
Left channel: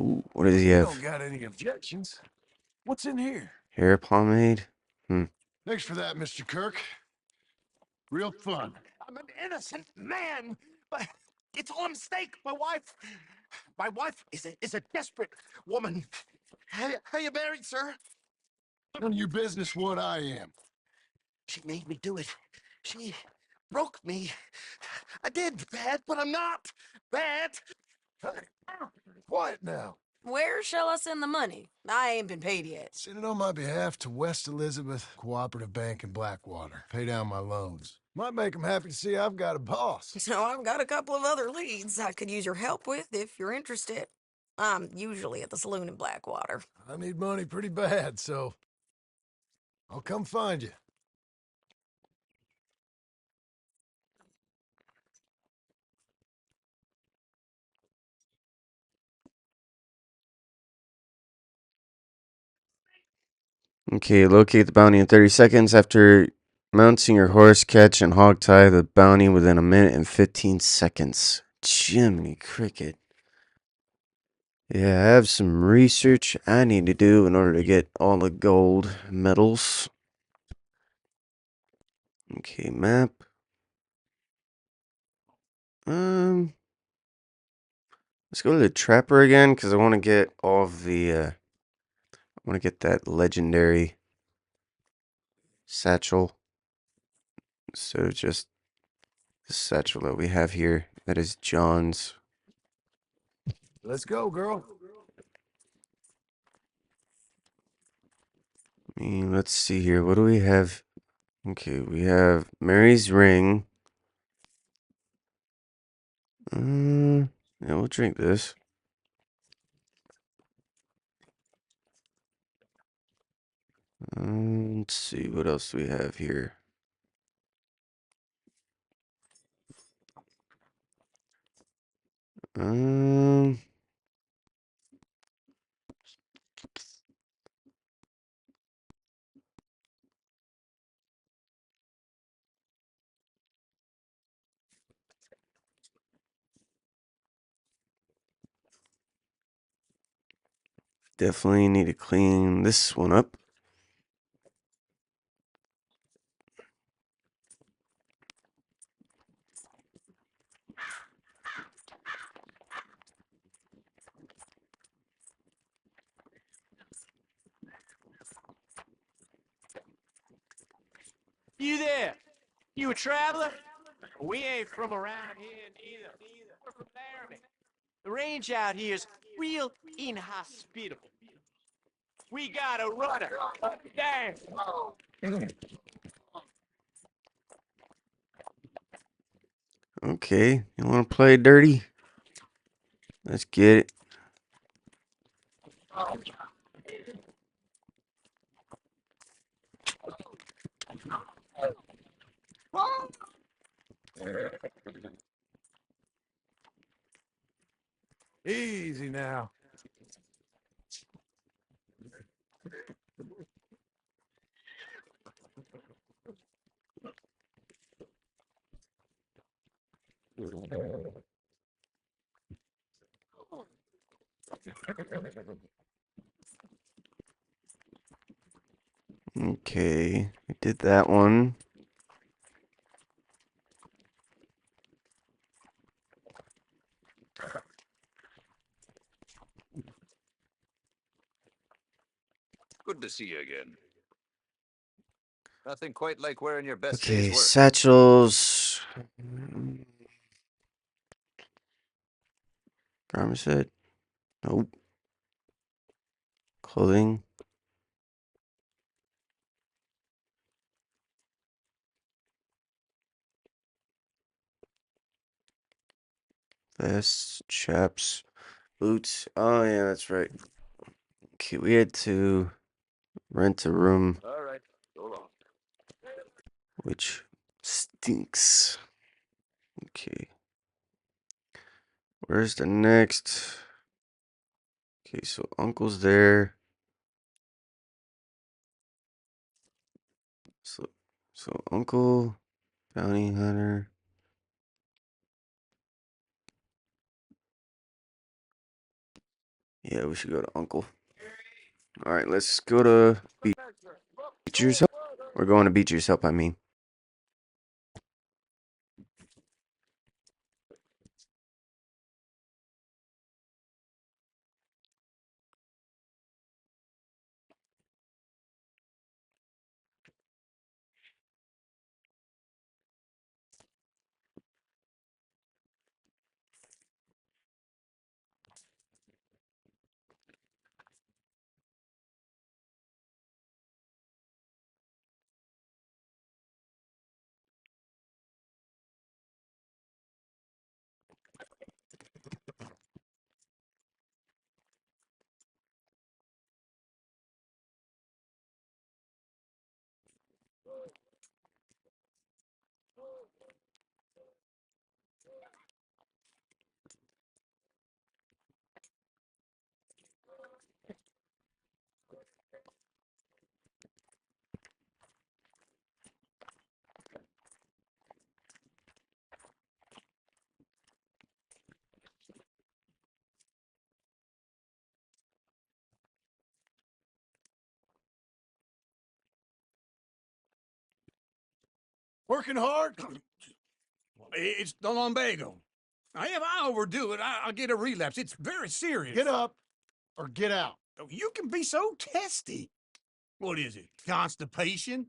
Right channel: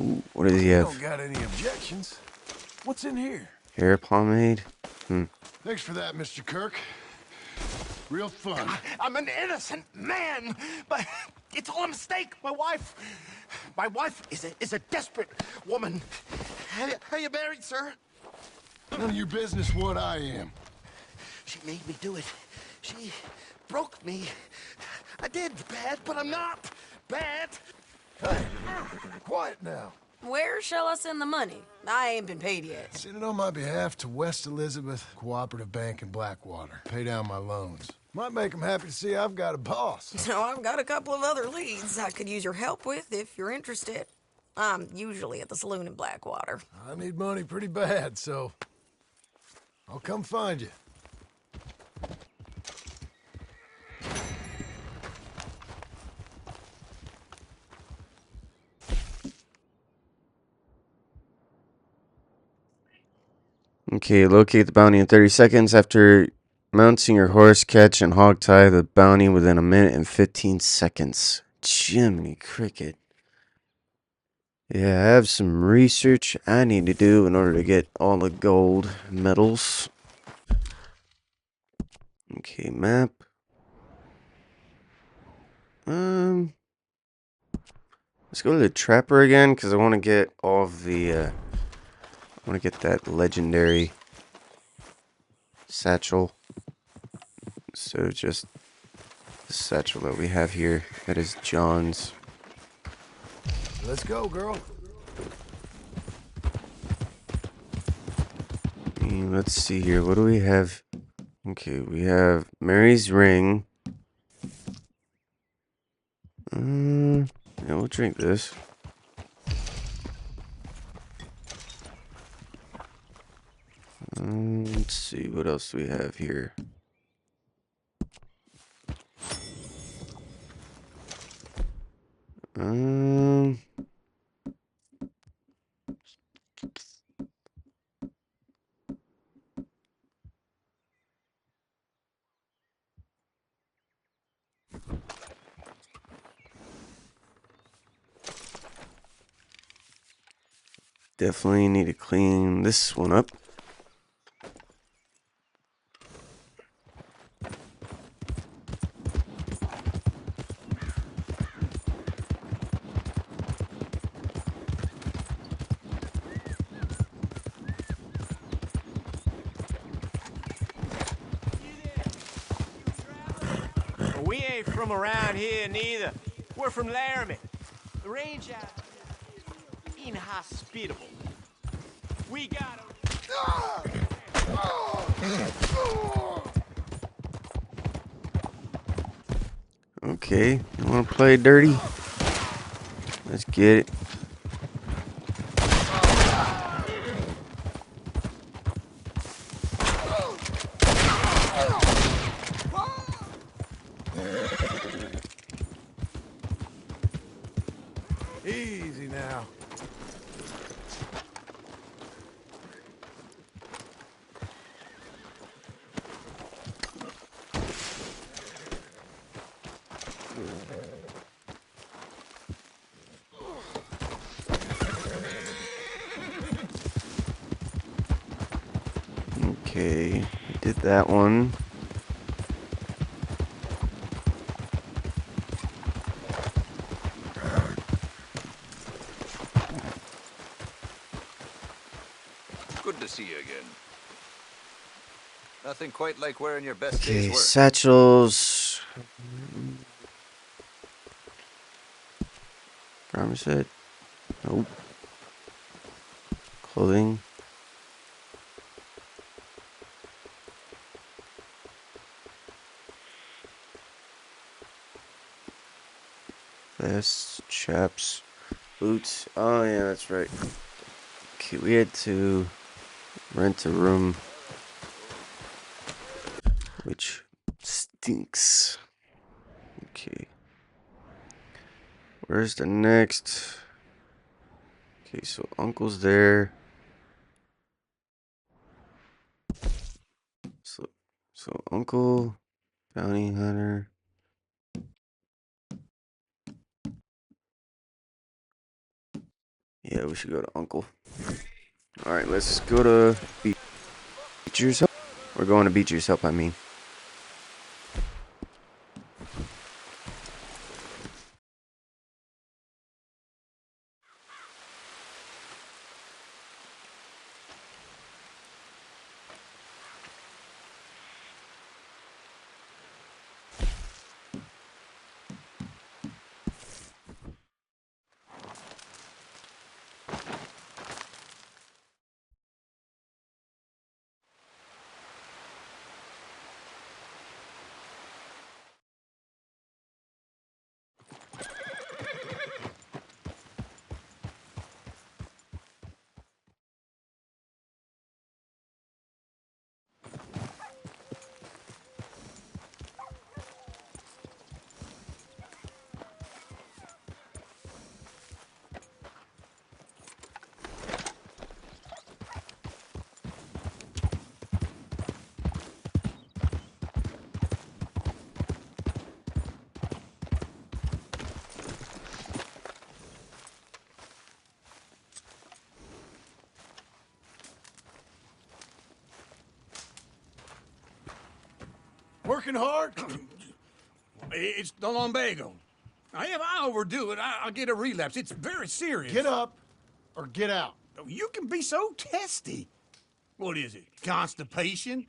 Ooh, what does he have? Don't got any objections. What's in here? Hair pomade? Thanks for that, Mr. Kirk. Real fun. I'm an innocent man, but it's all a mistake. My wife is a desperate woman. Are you married, sir? None of your business what I am. She made me do it. She broke me. I did bad, but I'm not bad. Hey, quiet now. Where shall I send the money? I ain't been paid yet. Send it on my behalf to West Elizabeth Cooperative Bank in Blackwater. Pay down my loans. Might make them happy to see I've got a boss. So I've got a couple of other leads I could use your help with if you're interested. I'm usually at the saloon in Blackwater. I need money pretty bad, so I'll come find you. Okay, locate the bounty in 30 seconds. After mounting your horse, catch and hog tie the bounty within a minute and 15 seconds. Jiminy Cricket. Yeah, I have some research I need to do in order to get all the gold medals. Okay, map. Let's go to the Trapper again, because I want to get all of the, I want to get that legendary satchel. So just the satchel that we have here. That is John's. Let's go, girl. Let's see here. What do we have? Okay, we have Mary's ring. Yeah, we'll drink this. Let's see, what else do we have here? Definitely need to clean this one up. You there? You a traveler? Well, we ain't from around here neither. We're from Laramie. The range out here's real inhospitable. We got a runner. Damn. Okay, you want to play dirty? Let's get it. Easy now. Okay, I did that one. Good to see you again. Nothing quite like wearing your best Okay, day's work. satchels. Garment set. Nope. Clothing. Vests, chaps, boots. Oh yeah, that's right. Okay, we had to rent a room, which stinks. Okay. Where's the next? Okay, so Uncle's there. So Uncle, Bounty Hunter. Yeah, we should go to Uncle. Alright, let's go to Beecher's Help. We're going to Beecher's Help, I mean. Working hard? It's the lumbago. If I overdo it, I'll get a relapse. It's very serious. Get up or get out. Oh, you can be so testy. What is it, constipation?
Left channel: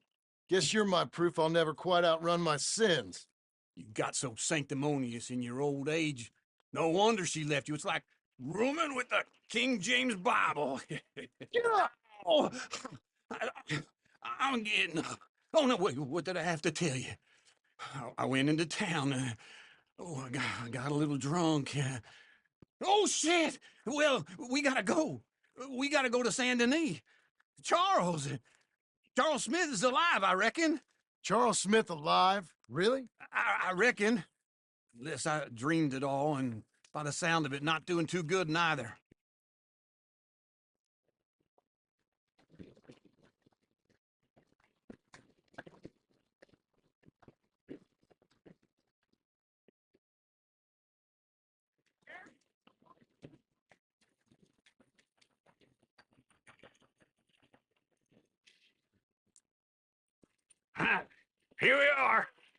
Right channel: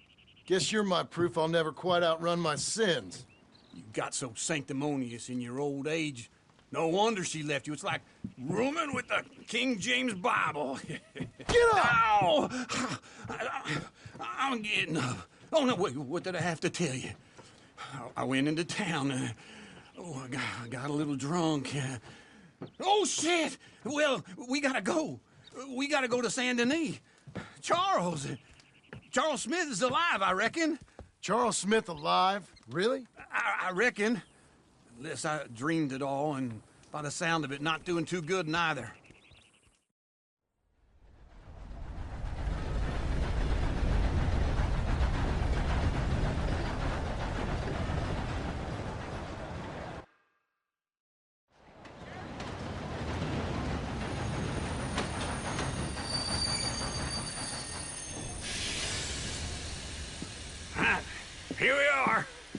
Guess you're my proof I'll never quite outrun my sins. You got so sanctimonious in your old age. No wonder she left you. It's like rooming with the King James Bible. Get up! Ow! I'm getting up. Oh, no, wait, what did I have to tell you? I went into town. I got a little drunk. Oh, shit! Well, we gotta go. We gotta go to Saint Denis. Charles Smith is alive, I reckon. Charles Smith alive? Really? I reckon. Unless I dreamed it all, and by the sound of it, not doing too good neither.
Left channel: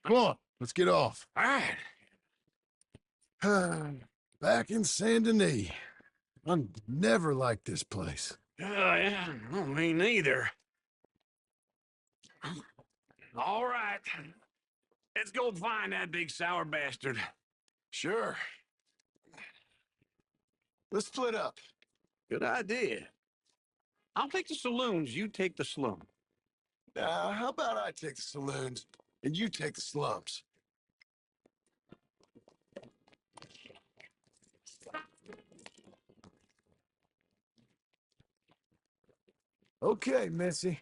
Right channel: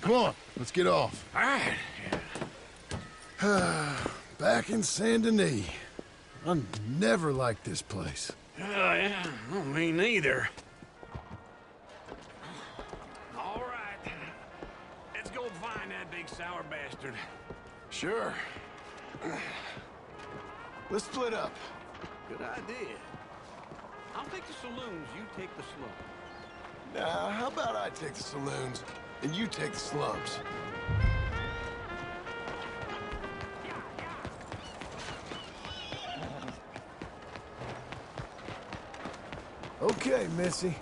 Come on, let's get off. All right. Back in Saint Denis. I never liked this place. Yeah, well, me neither. All right. Let's go find that big sour bastard. Sure. Let's split up. Good idea. I'll take the saloons, you take the slum. Now, how about I take the saloons and you take the slums? Okay, Missy.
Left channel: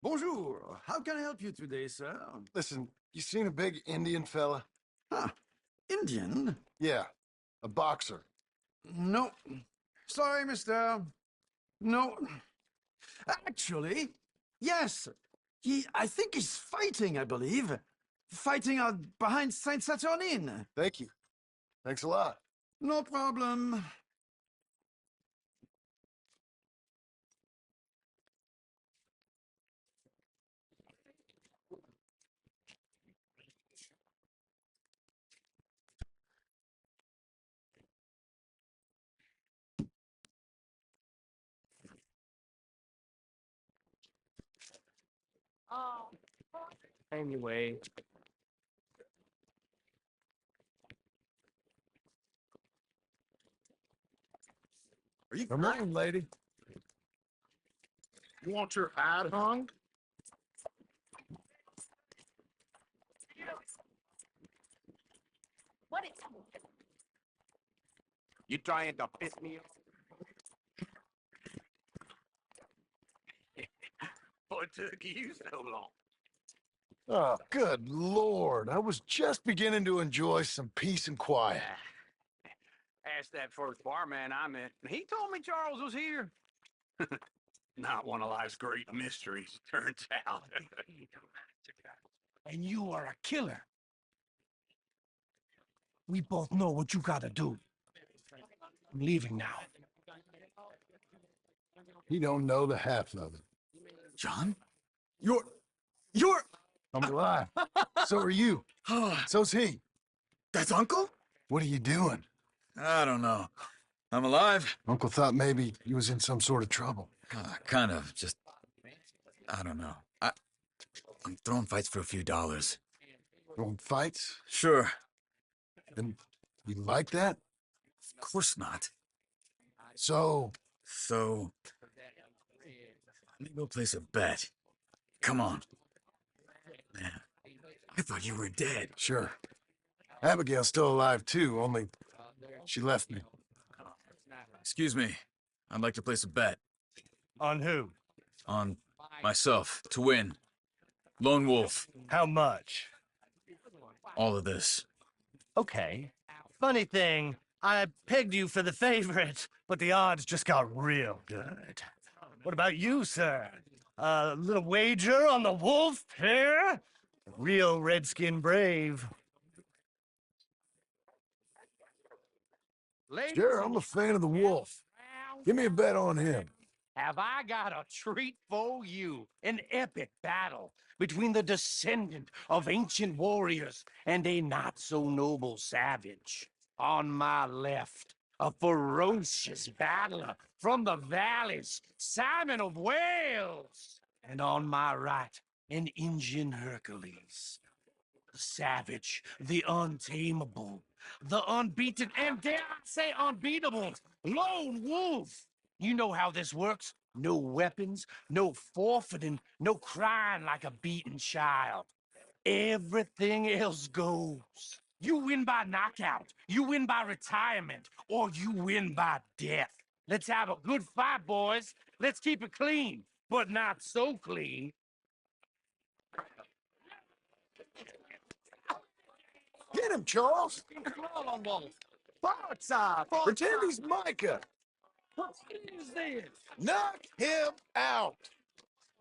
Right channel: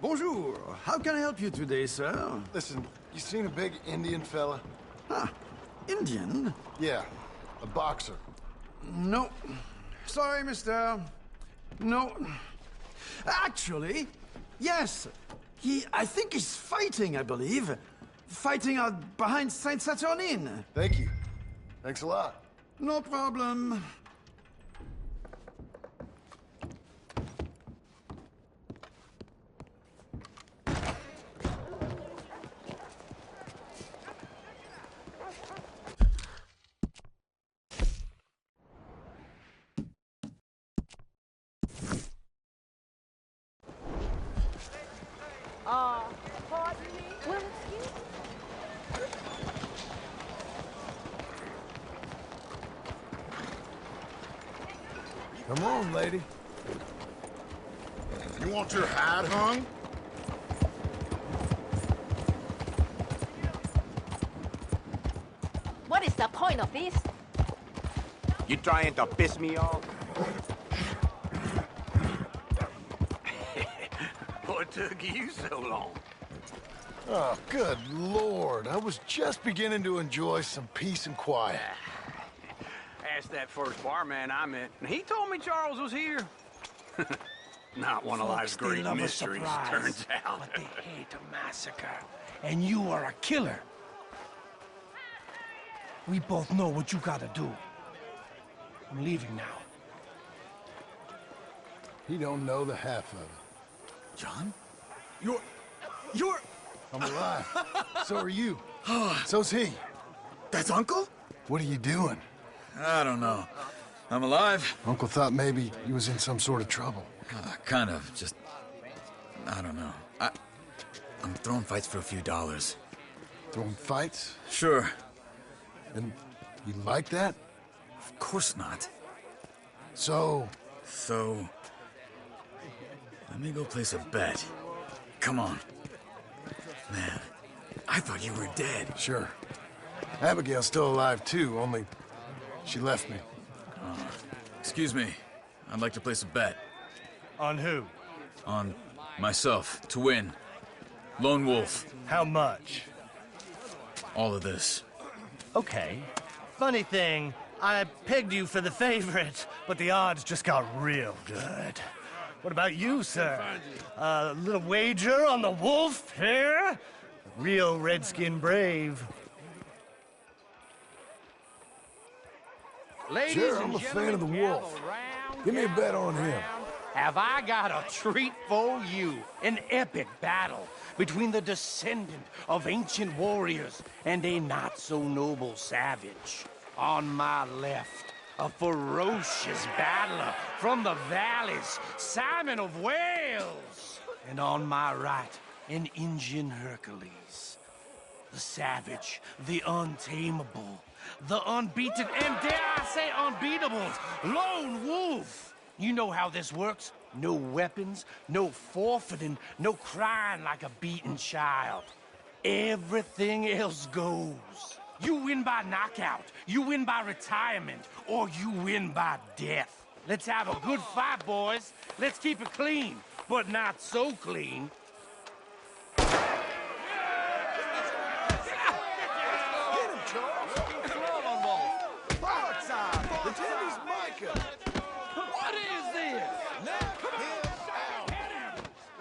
Bonjour. How can I help you today, sir? Listen, you seen a big Indian fella? Ah, Indian? Yeah, a boxer. No. Sorry, mister. No. Actually, yes. I think he's fighting, I believe. Fighting out behind Saint Saturnin. Thank you. Thanks a lot. No problem. Anyway. Come on, lady. You want your hat hung? What is the point of this? You trying to piss me off? What took you so long? Oh, good Lord. I was just beginning to enjoy some peace and quiet. Asked that first barman I met, and he told me Charles was here. Not one of life's Folks, they great love a mysteries, surprise, turns out. but they hate a massacre. And you are a killer. We both know what you gotta do. I'm leaving now. He don't know the half of it. John? You're... I'm alive. So are you. So's he. That's Uncle? What are you doing? I don't know. I'm alive. Uncle thought maybe he was in some sort of trouble. Kind of. Just... I don't know. I'm throwing fights for a few dollars. Throwing fights? Sure. And you like that? Of course not. So... Let me go place a bet. Come on. Man, I thought you were dead. Sure. Abigail's still alive too, only she left me. Excuse me. I'd like to place a bet. On who? On myself, to win. Lone Wolf. How much? All of this. Okay. Funny thing, I pegged you for the favorite, but the odds just got real good. What about you, sir? A little wager on the wolf here? Real redskin brave. Sure, I'm a fan of the wolf. Give me a bet on him. Have I got a treat for you? An epic battle between the descendant of ancient warriors and a not-so-noble savage. On my left, a ferocious battler from the valleys, Simon of Wales. And on my right, an Indian Hercules. The savage, the untamable, the unbeaten, and dare I say unbeatable, Lone Wolf. You know how this works. No weapons, no forfeiting, no crying like a beaten child. Everything else goes. You win by knockout, you win by retirement, or you win by death. Let's have a good fight, boys. Let's keep it clean, but not so clean. Get him, Charles! Fight time! Pretend he's Micah! What is this? Knock him out!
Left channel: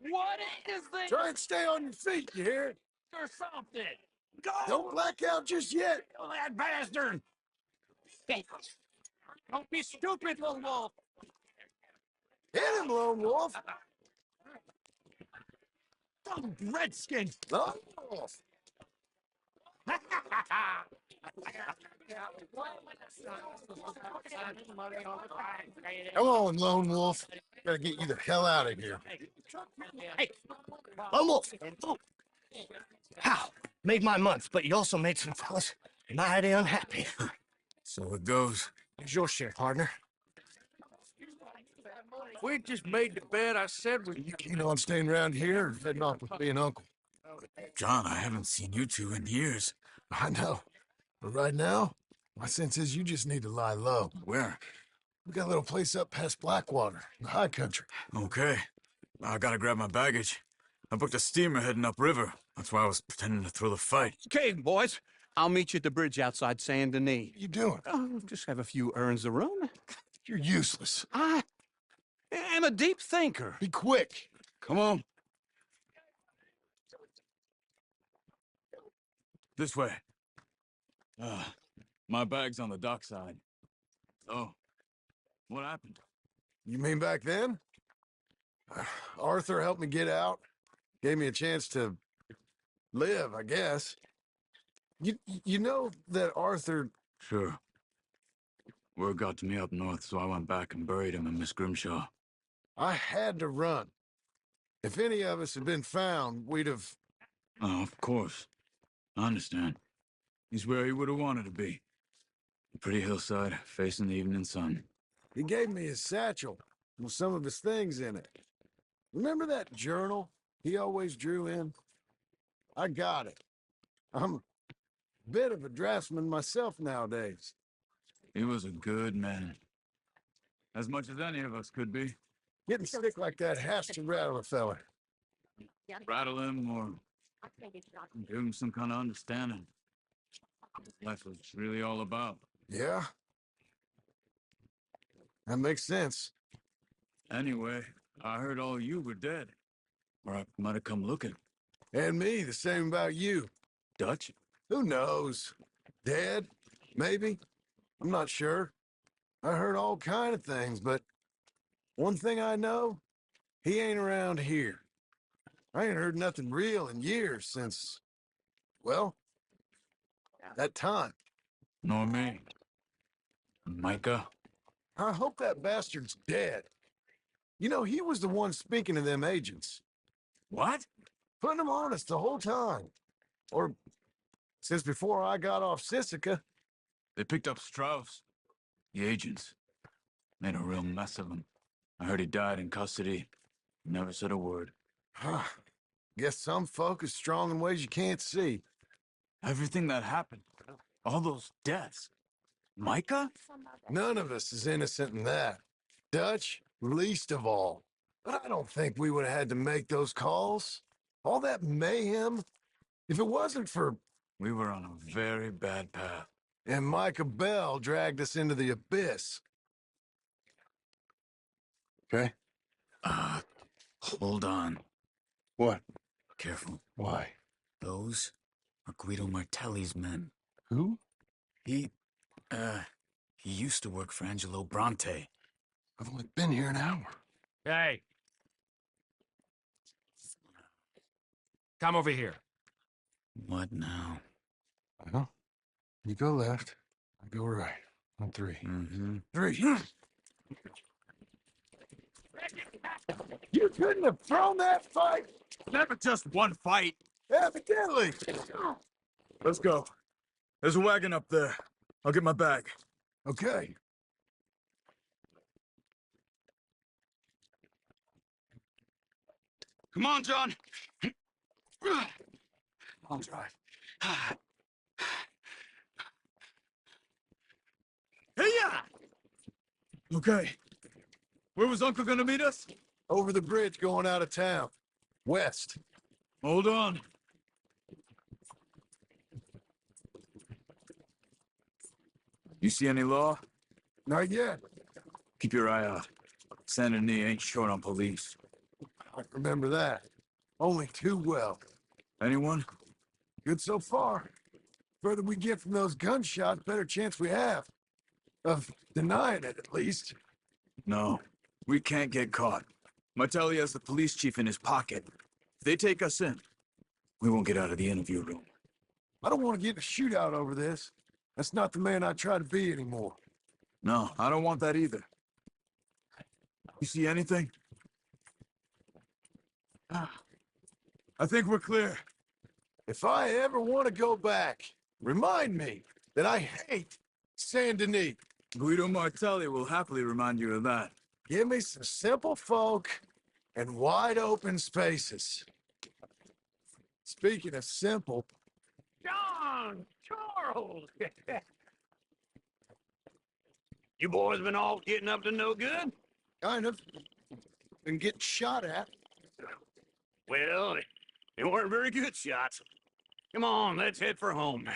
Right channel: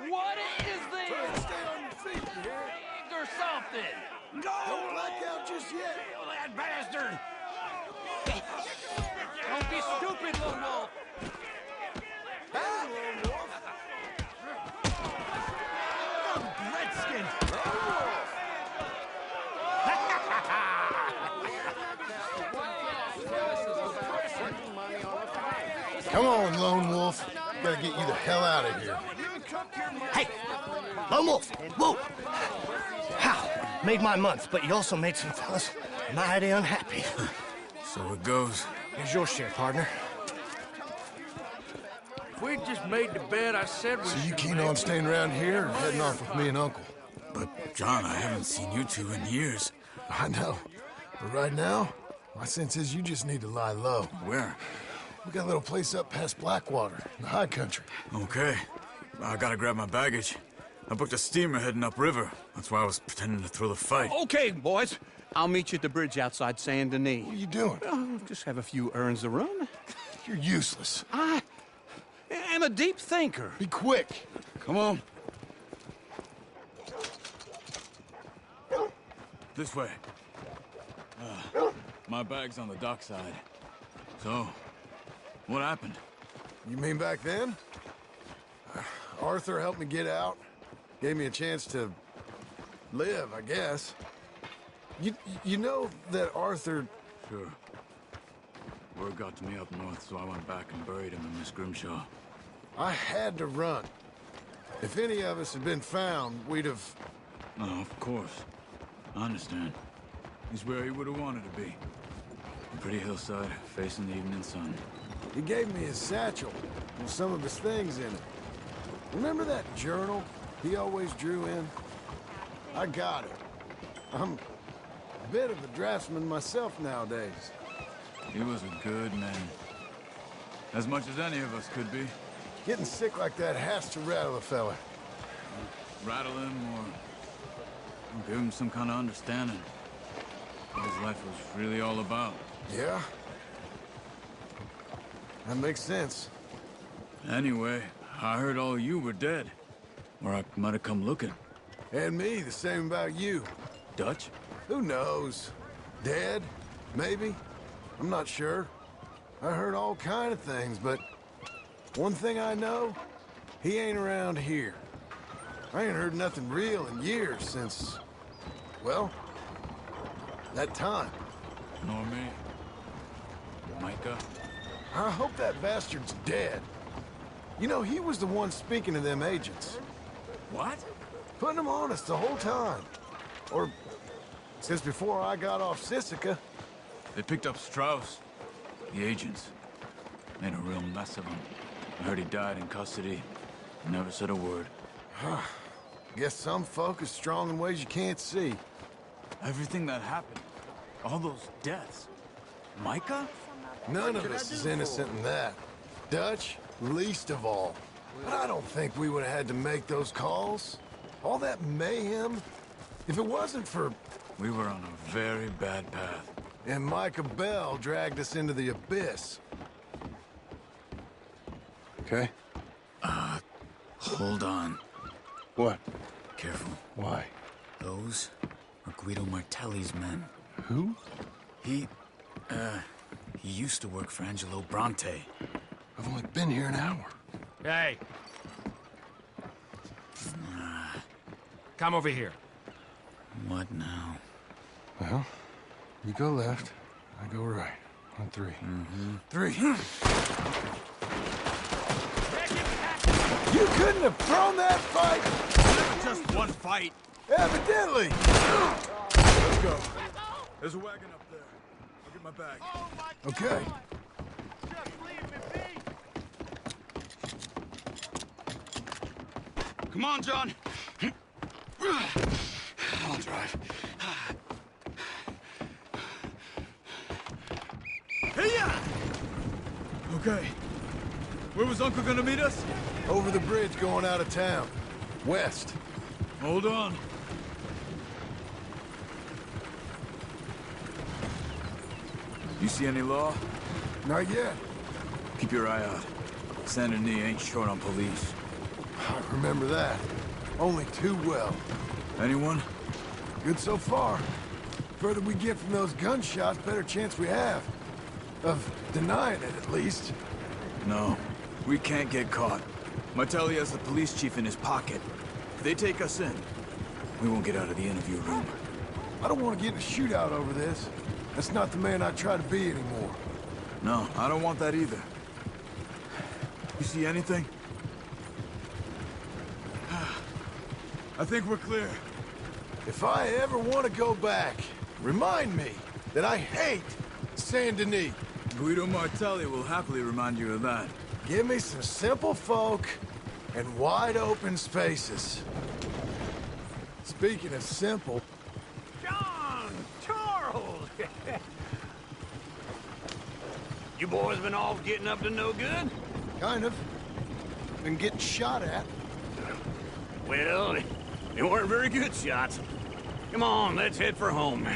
What is this? Try and stay on your feet, you hear? Or something. No! Don't black out just yet! Kill that bastard! Don't be stupid, Lone Wolf! Hit him, Lone Wolf! Redskins! Lone Wolf! Come on, Lone Wolf. Gotta get you the hell out of here. Hey, Lone Wolf, whoa! How? Made my month, but you also made some fellas mighty unhappy. So it goes. Here's your share, partner. We just made the bed I said we So you keen on staying around here or heading off with me and Uncle? But, John, I haven't seen you two in years. I know. But right now, my sense is you just need to lie low. Where? We got a little place up past Blackwater, in the high country. Okay. I gotta grab my baggage. I booked a steamer heading upriver. That's why I was pretending to throw the fight. Okay, boys. I'll meet you at the bridge outside Saint Denis. What are you doing? Just have a few errands to run. You're useless. I am a deep thinker. Be quick. Come on. This way. My bag's on the dockside. So, what happened? You mean back then? Arthur helped me get out. Gave me a chance to live, I guess. You know that Arthur... Sure. Word got to me up north, so I went back and buried him in Miss Grimshaw. I had to run. If any of us had been found, we'd have... Oh, of course. I understand. He's where he would have wanted to be. A pretty hillside, facing the evening sun. He gave me his satchel with some of his things in it. Remember that journal he always drew in? I got it. I'm a bit of a draftsman myself nowadays. He was a good man. As much as any of us could be. Getting sick like that has to rattle a fella. Rattle him or give him some kind of understanding. What his life was really all about. Yeah? That makes sense. Anyway, I heard all you were dead. Or I might have come looking. And me, the same about you. Dutch? Who knows? Dead? Maybe? I'm not sure. I heard all kind of things, but one thing I know, he ain't around here. I ain't heard nothing real in years since, well, that time. Nor me. Micah? I hope that bastard's dead. You know, he was the one speaking to them agents. What? Putting them on us the whole time. Or since before I got off Sisika. They picked up Strauss. The agents. Made a real mess of him. I heard he died in custody. Never said a word. Guess some folk are strong in ways you can't see. Everything that happened. All those deaths. Micah? None of us is innocent in that. Dutch, least of all. But I don't think we would have had to make those calls. All that mayhem. If it wasn't for... We were on a very bad path. And Micah Bell dragged us into the abyss. Okay? Hold on. What? Careful. Why? Those are Guido Martelli's men. Who? He used to work for Angelo Bronte. I've only been here an hour. Hey. Come over here. What now? Well, you go left, I go right. On three. Three. You couldn't have thrown that fight! Never just one fight. Evidently! Let's go. There's a wagon up there. I'll get my bag. Okay. Come on, John. I'll drive. Okay. Where was Uncle gonna meet us? Over the bridge going out of town. West. Hold on. You see any law? Not yet. Keep your eye out. Saint Denis ain't short on police. I remember that. Only too well. Anyone? Good so far. Further we get from those gunshots, better chance we have. Of denying it, at least. No. We can't get caught. Martelli has the police chief in his pocket. If they take us in, we won't get out of the interview room. I don't want to get in a shootout over this. That's not the man I try to be anymore. No, I don't want that either. You see anything? I think we're clear. If I ever want to go back, remind me that I hate Saint Denis. Guido Martelli will happily remind you of that. Give me some simple folk and wide open spaces. Speaking of simple... John! Charles! You boys been all getting up to no good? Kind of. Been getting shot at. Well, they weren't very good shots. Come on, let's head for home.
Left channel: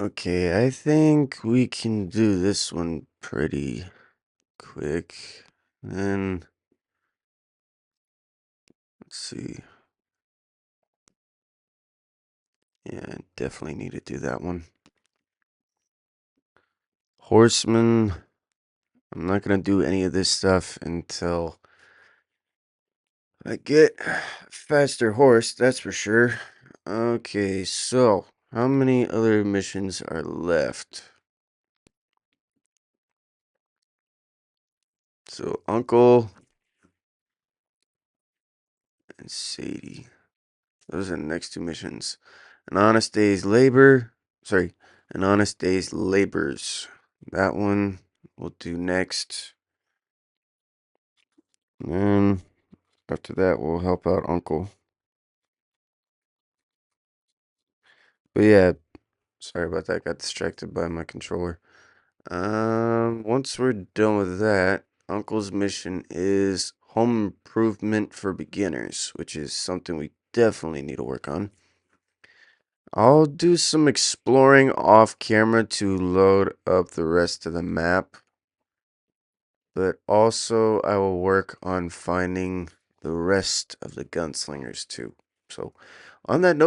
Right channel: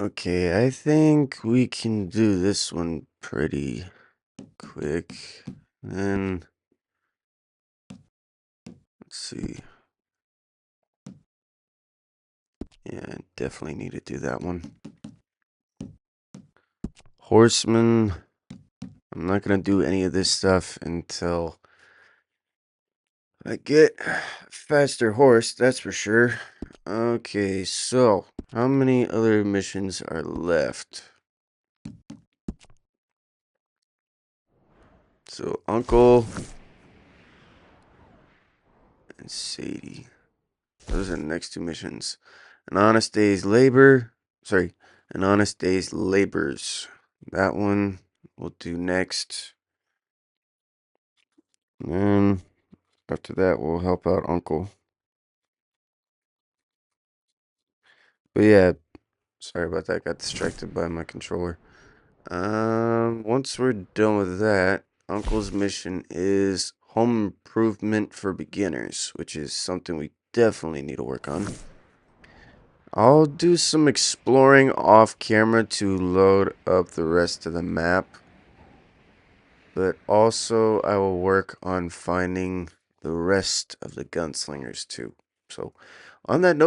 Okay, I think we can do this one pretty quick. Then, let's see. Yeah, definitely need to do that one. Horseman. I'm not going to do any of this stuff until I get a faster horse, that's for sure. Okay, so how many other missions are left? So, Uncle and Sadie. Those are the next two missions. An honest day's labor. Sorry, an honest day's labors. That one we'll do next. And then after that, we'll help out Uncle. But yeah, sorry about that. Got distracted by my controller. Once we're done with that, Uncle's mission is home improvement for beginners, which is something we definitely need to work on. I'll do some exploring off camera to load up the rest of the map. But also, I will work on finding the rest of the gunslingers too. So, on that note,